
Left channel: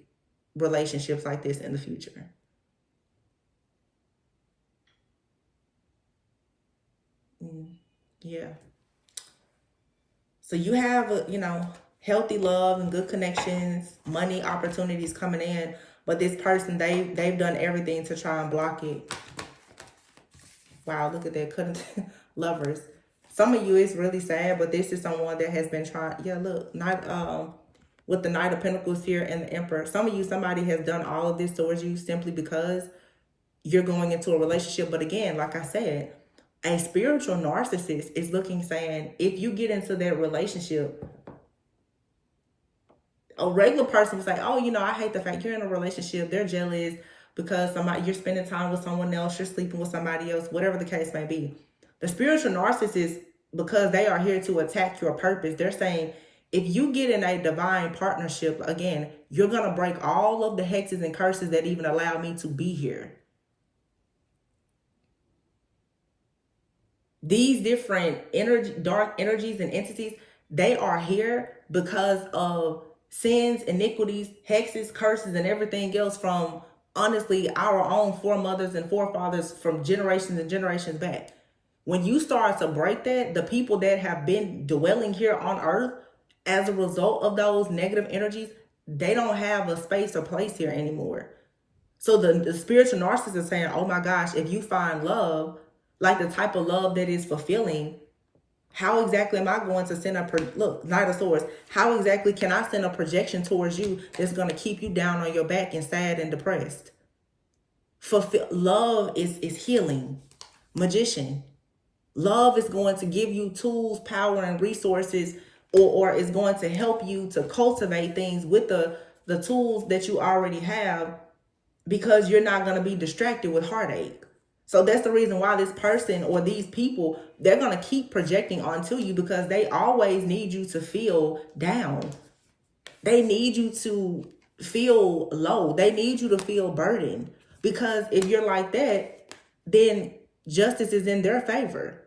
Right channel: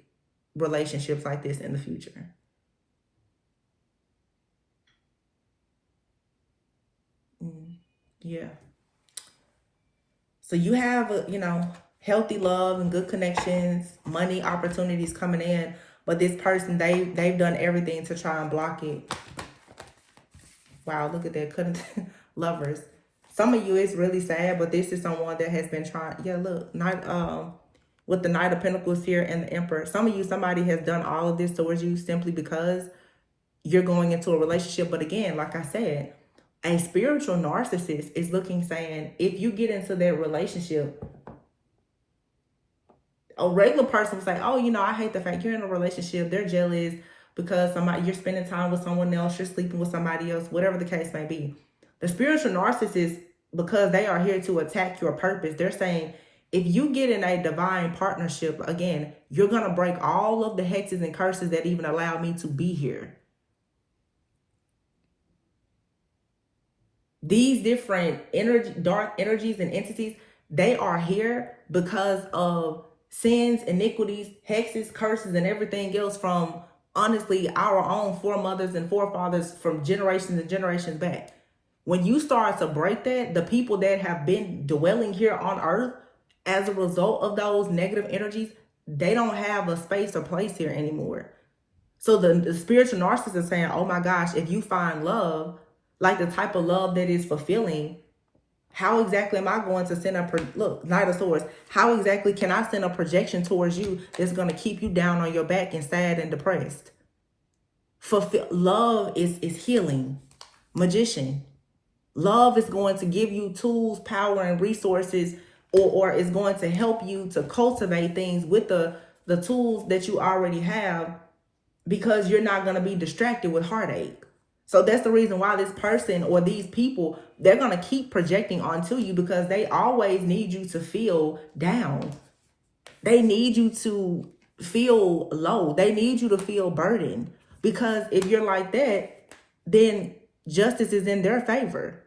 relationships like this in the future. Yeah. So you have, healthy love and good connections, money opportunities coming in. But this person, they've done everything to try and block it. Wow, look at that. Couldn't lovers. Some of you, it's really sad, but this is someone that has been trying. Yeah, look, with the Knight of Pentacles here and the Emperor. Some of you, somebody has done all of this towards you simply because you're going into a relationship. But again, like I said, a spiritual narcissist is saying, if you get into that relationship, a regular person is like, oh, I hate the fact you're in a relationship. They're jealous because you're spending time with someone else, you're sleeping with somebody else, whatever the case may be. The spiritual narcissist, because they are here to attack your purpose, they're saying, if you get in a divine partnership, again, you're going to break all of the hexes and curses that even allow me to be here. These different dark energies and entities, they are here because of sins, iniquities, hexes, curses, and everything else from, honestly, our own foremothers and forefathers from generations and generations back. When you start to break that, the people that have been dwelling here on earth as a result of those negative energies, they don't have a space or place here anymore. So the spiritual narcissist is saying, oh my gosh, if you find love, like the type of love that is fulfilling, how exactly am I going to send look, Knight of Swords, how exactly can I send a projection towards you that's going to keep you down on your back and sad and depressed? Love is healing. Magician. Love is going to give you tools, power, and resources, or is going to help you to cultivate things with the tools that you already have, because you're not going to be distracted with heartache. So that's the reason why this person or these people, they're going to keep projecting onto you, because they always need you to feel down. They need you to feel low. They need you to feel burdened, because if you're like that, then justice is in their favor.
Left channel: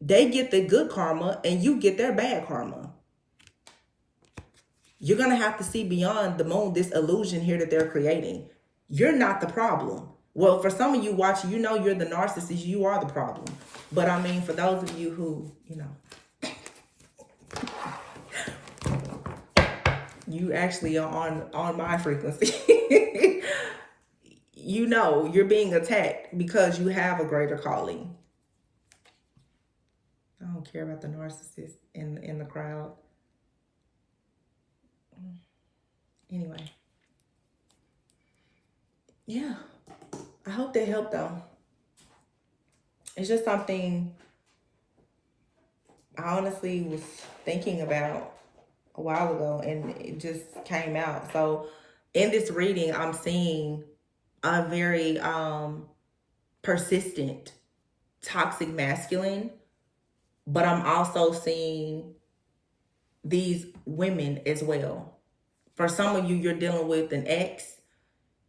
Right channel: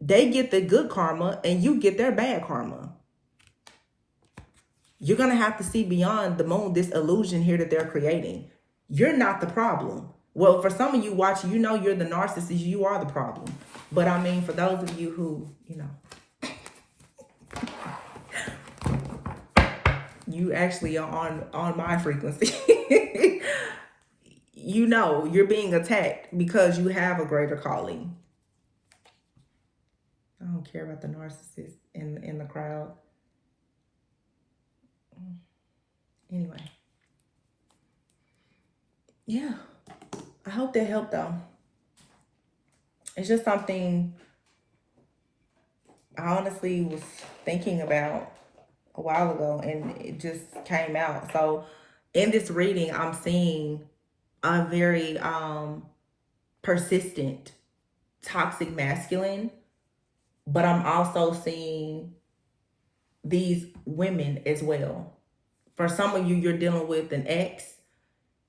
They get the good karma and you get their bad karma. You're going to have to see beyond the moon, this illusion here that they're creating. You're not the problem. Well, for some of you watching, you know you're the narcissist. You are the problem. But I mean, for those of you who, you actually are on my frequency. You know you're being attacked because you have a greater calling. I don't care about the narcissist in the crowd. Anyway. Yeah. I hope that helped though. It's just something I honestly was thinking about a while ago and it just came out. So in this reading, I'm seeing a very persistent, toxic masculine, but I'm also seeing these women as well. For some of you, you're dealing with an ex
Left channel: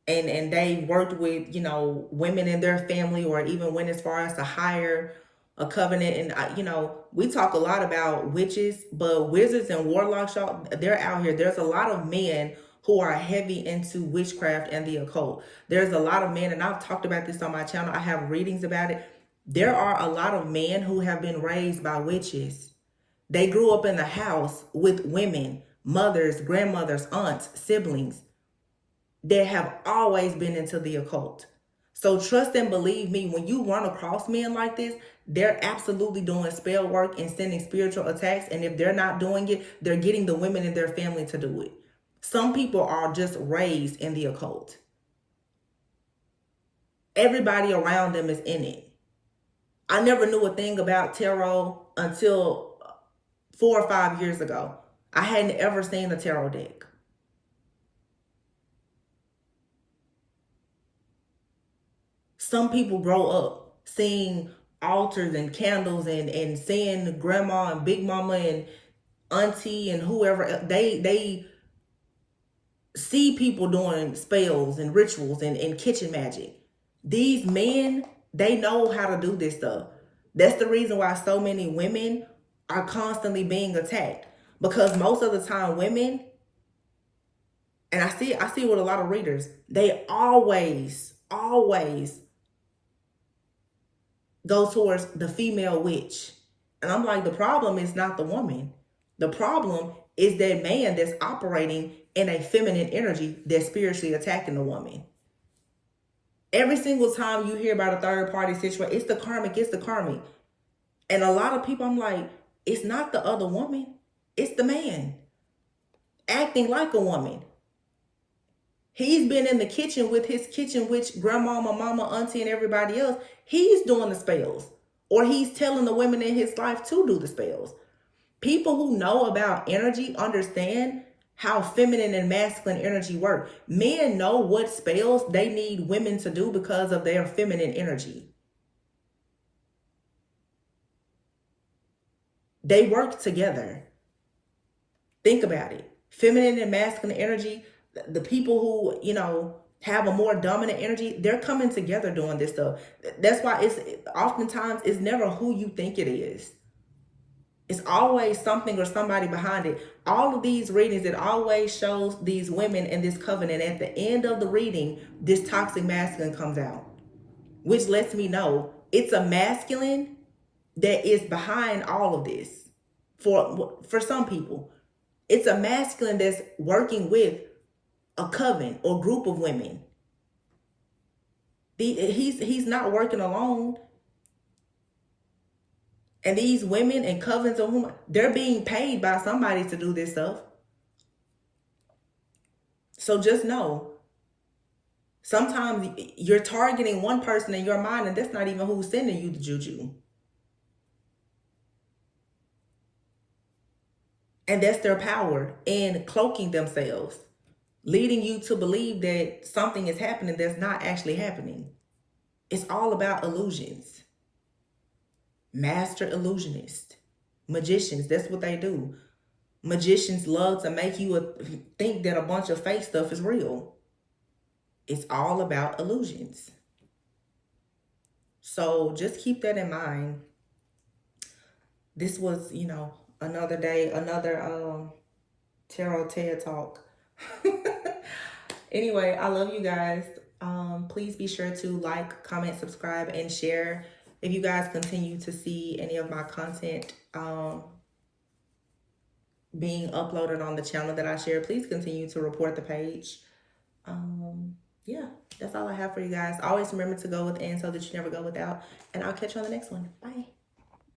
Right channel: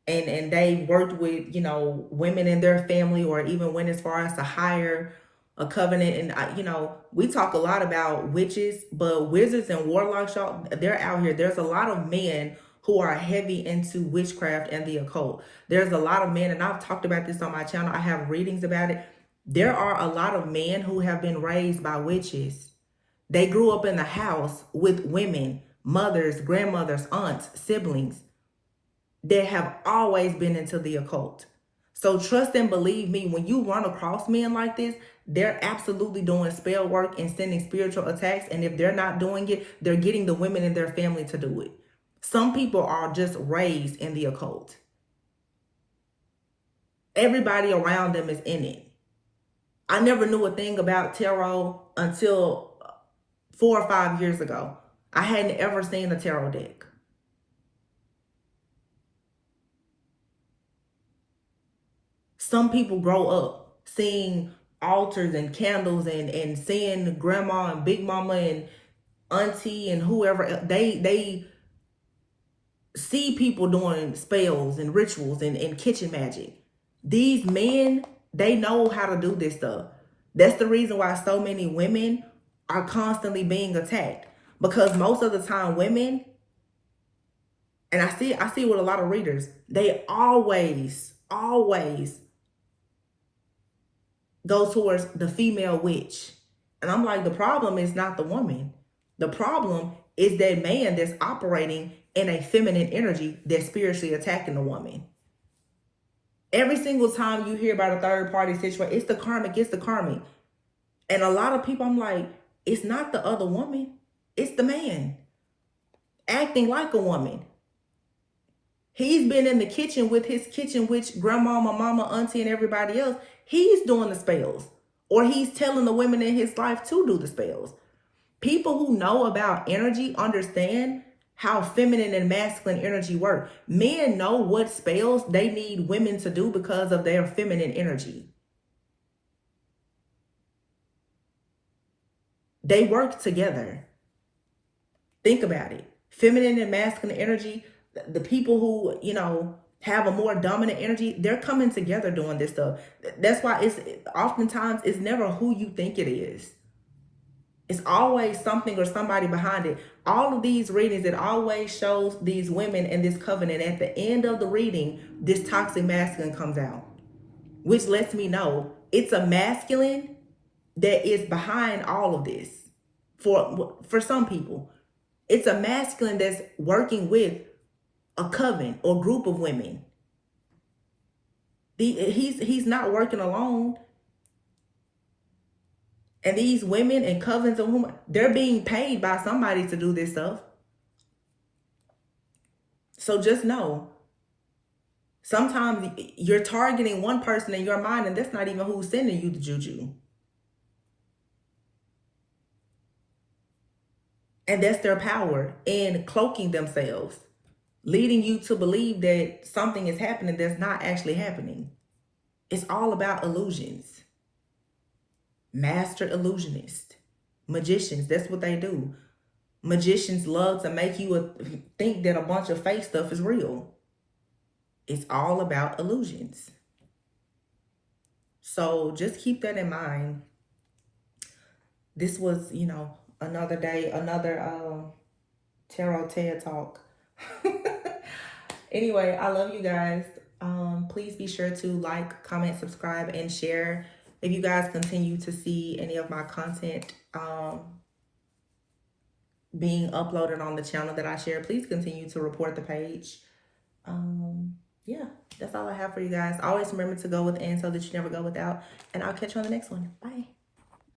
and they worked with, women in their family or even went as far as to hire a covenant. And, we talk a lot about witches, but wizards and warlocks, y'all, they're out here. There's a lot of men who are heavy into witchcraft and the occult. There's a lot of men, and I've talked about this on my channel. I have readings about it. There are a lot of men who have been raised by witches. They grew up in the house with women, mothers, grandmothers, aunts, siblings that have always been into the occult. So trust and believe me, when you run across men like this, they're absolutely doing spell work and sending spiritual attacks. And if they're not doing it, they're getting the women in their family to do it. Some people are just raised in the occult. Everybody around them is in it. I never knew a thing about tarot until 4 or 5 years ago. I hadn't ever seen a tarot deck. Some people grow up seeing altars and candles and seeing grandma and big mama and auntie and whoever. They see people doing spells and rituals and kitchen magic. These men, they know how to do this stuff. That's the reason why so many women are constantly being attacked. Because most of the time women, and I see with a lot of readers, they always go towards the female witch. And I'm like, the problem is not the woman. The problem is that man that's operating in a feminine energy that's spiritually attacking the woman. Every single time you hear about a third party situation, it's the karmic. And a lot of people, I'm like, it's not the other woman. It's the man acting like a woman. He's been in the kitchen with his kitchen witch, grandmama, mama, auntie, and everybody else. He's doing the spells. Or he's telling the women in his life to do the spells. People who know about energy understand how feminine and masculine energy work. Men know what spells they need women to do because of their feminine energy. They work together. Think about it. Feminine and masculine energy, the people who, have a more dominant energy, they're coming together doing this stuff. That's why oftentimes it's never who you think it is. It's always something or somebody behind it. All of these readings, it always shows these women in this covenant. At the end of the reading, this toxic masculine comes out, which lets me know it's a masculine that is behind all of this. For some people, it's a masculine that's working with a coven or group of women. He's not working alone. And these women and covens of whom they're being paid by somebody to do this stuff. So just know, sometimes you're targeting one person in your mind and that's not even who's sending you the juju. And that's their power in cloaking themselves, leading you to believe that something is happening that's not actually happening. It's all about illusions. Master illusionists, magicians, that's what they do. Magicians love to make you think that a bunch of fake stuff is real. It's all about illusions. So just keep that in mind. This was, another day, another tarot TED talk. Anyway, I love you guys. Please be sure to like, comment, subscribe, and share. If you guys continue to see any of my content being uploaded on the channel that I share, please continue to report the page. Yeah, that's all I have for you guys. Always remember to go within so that you never go without. And I'll catch you on the next one. Bye.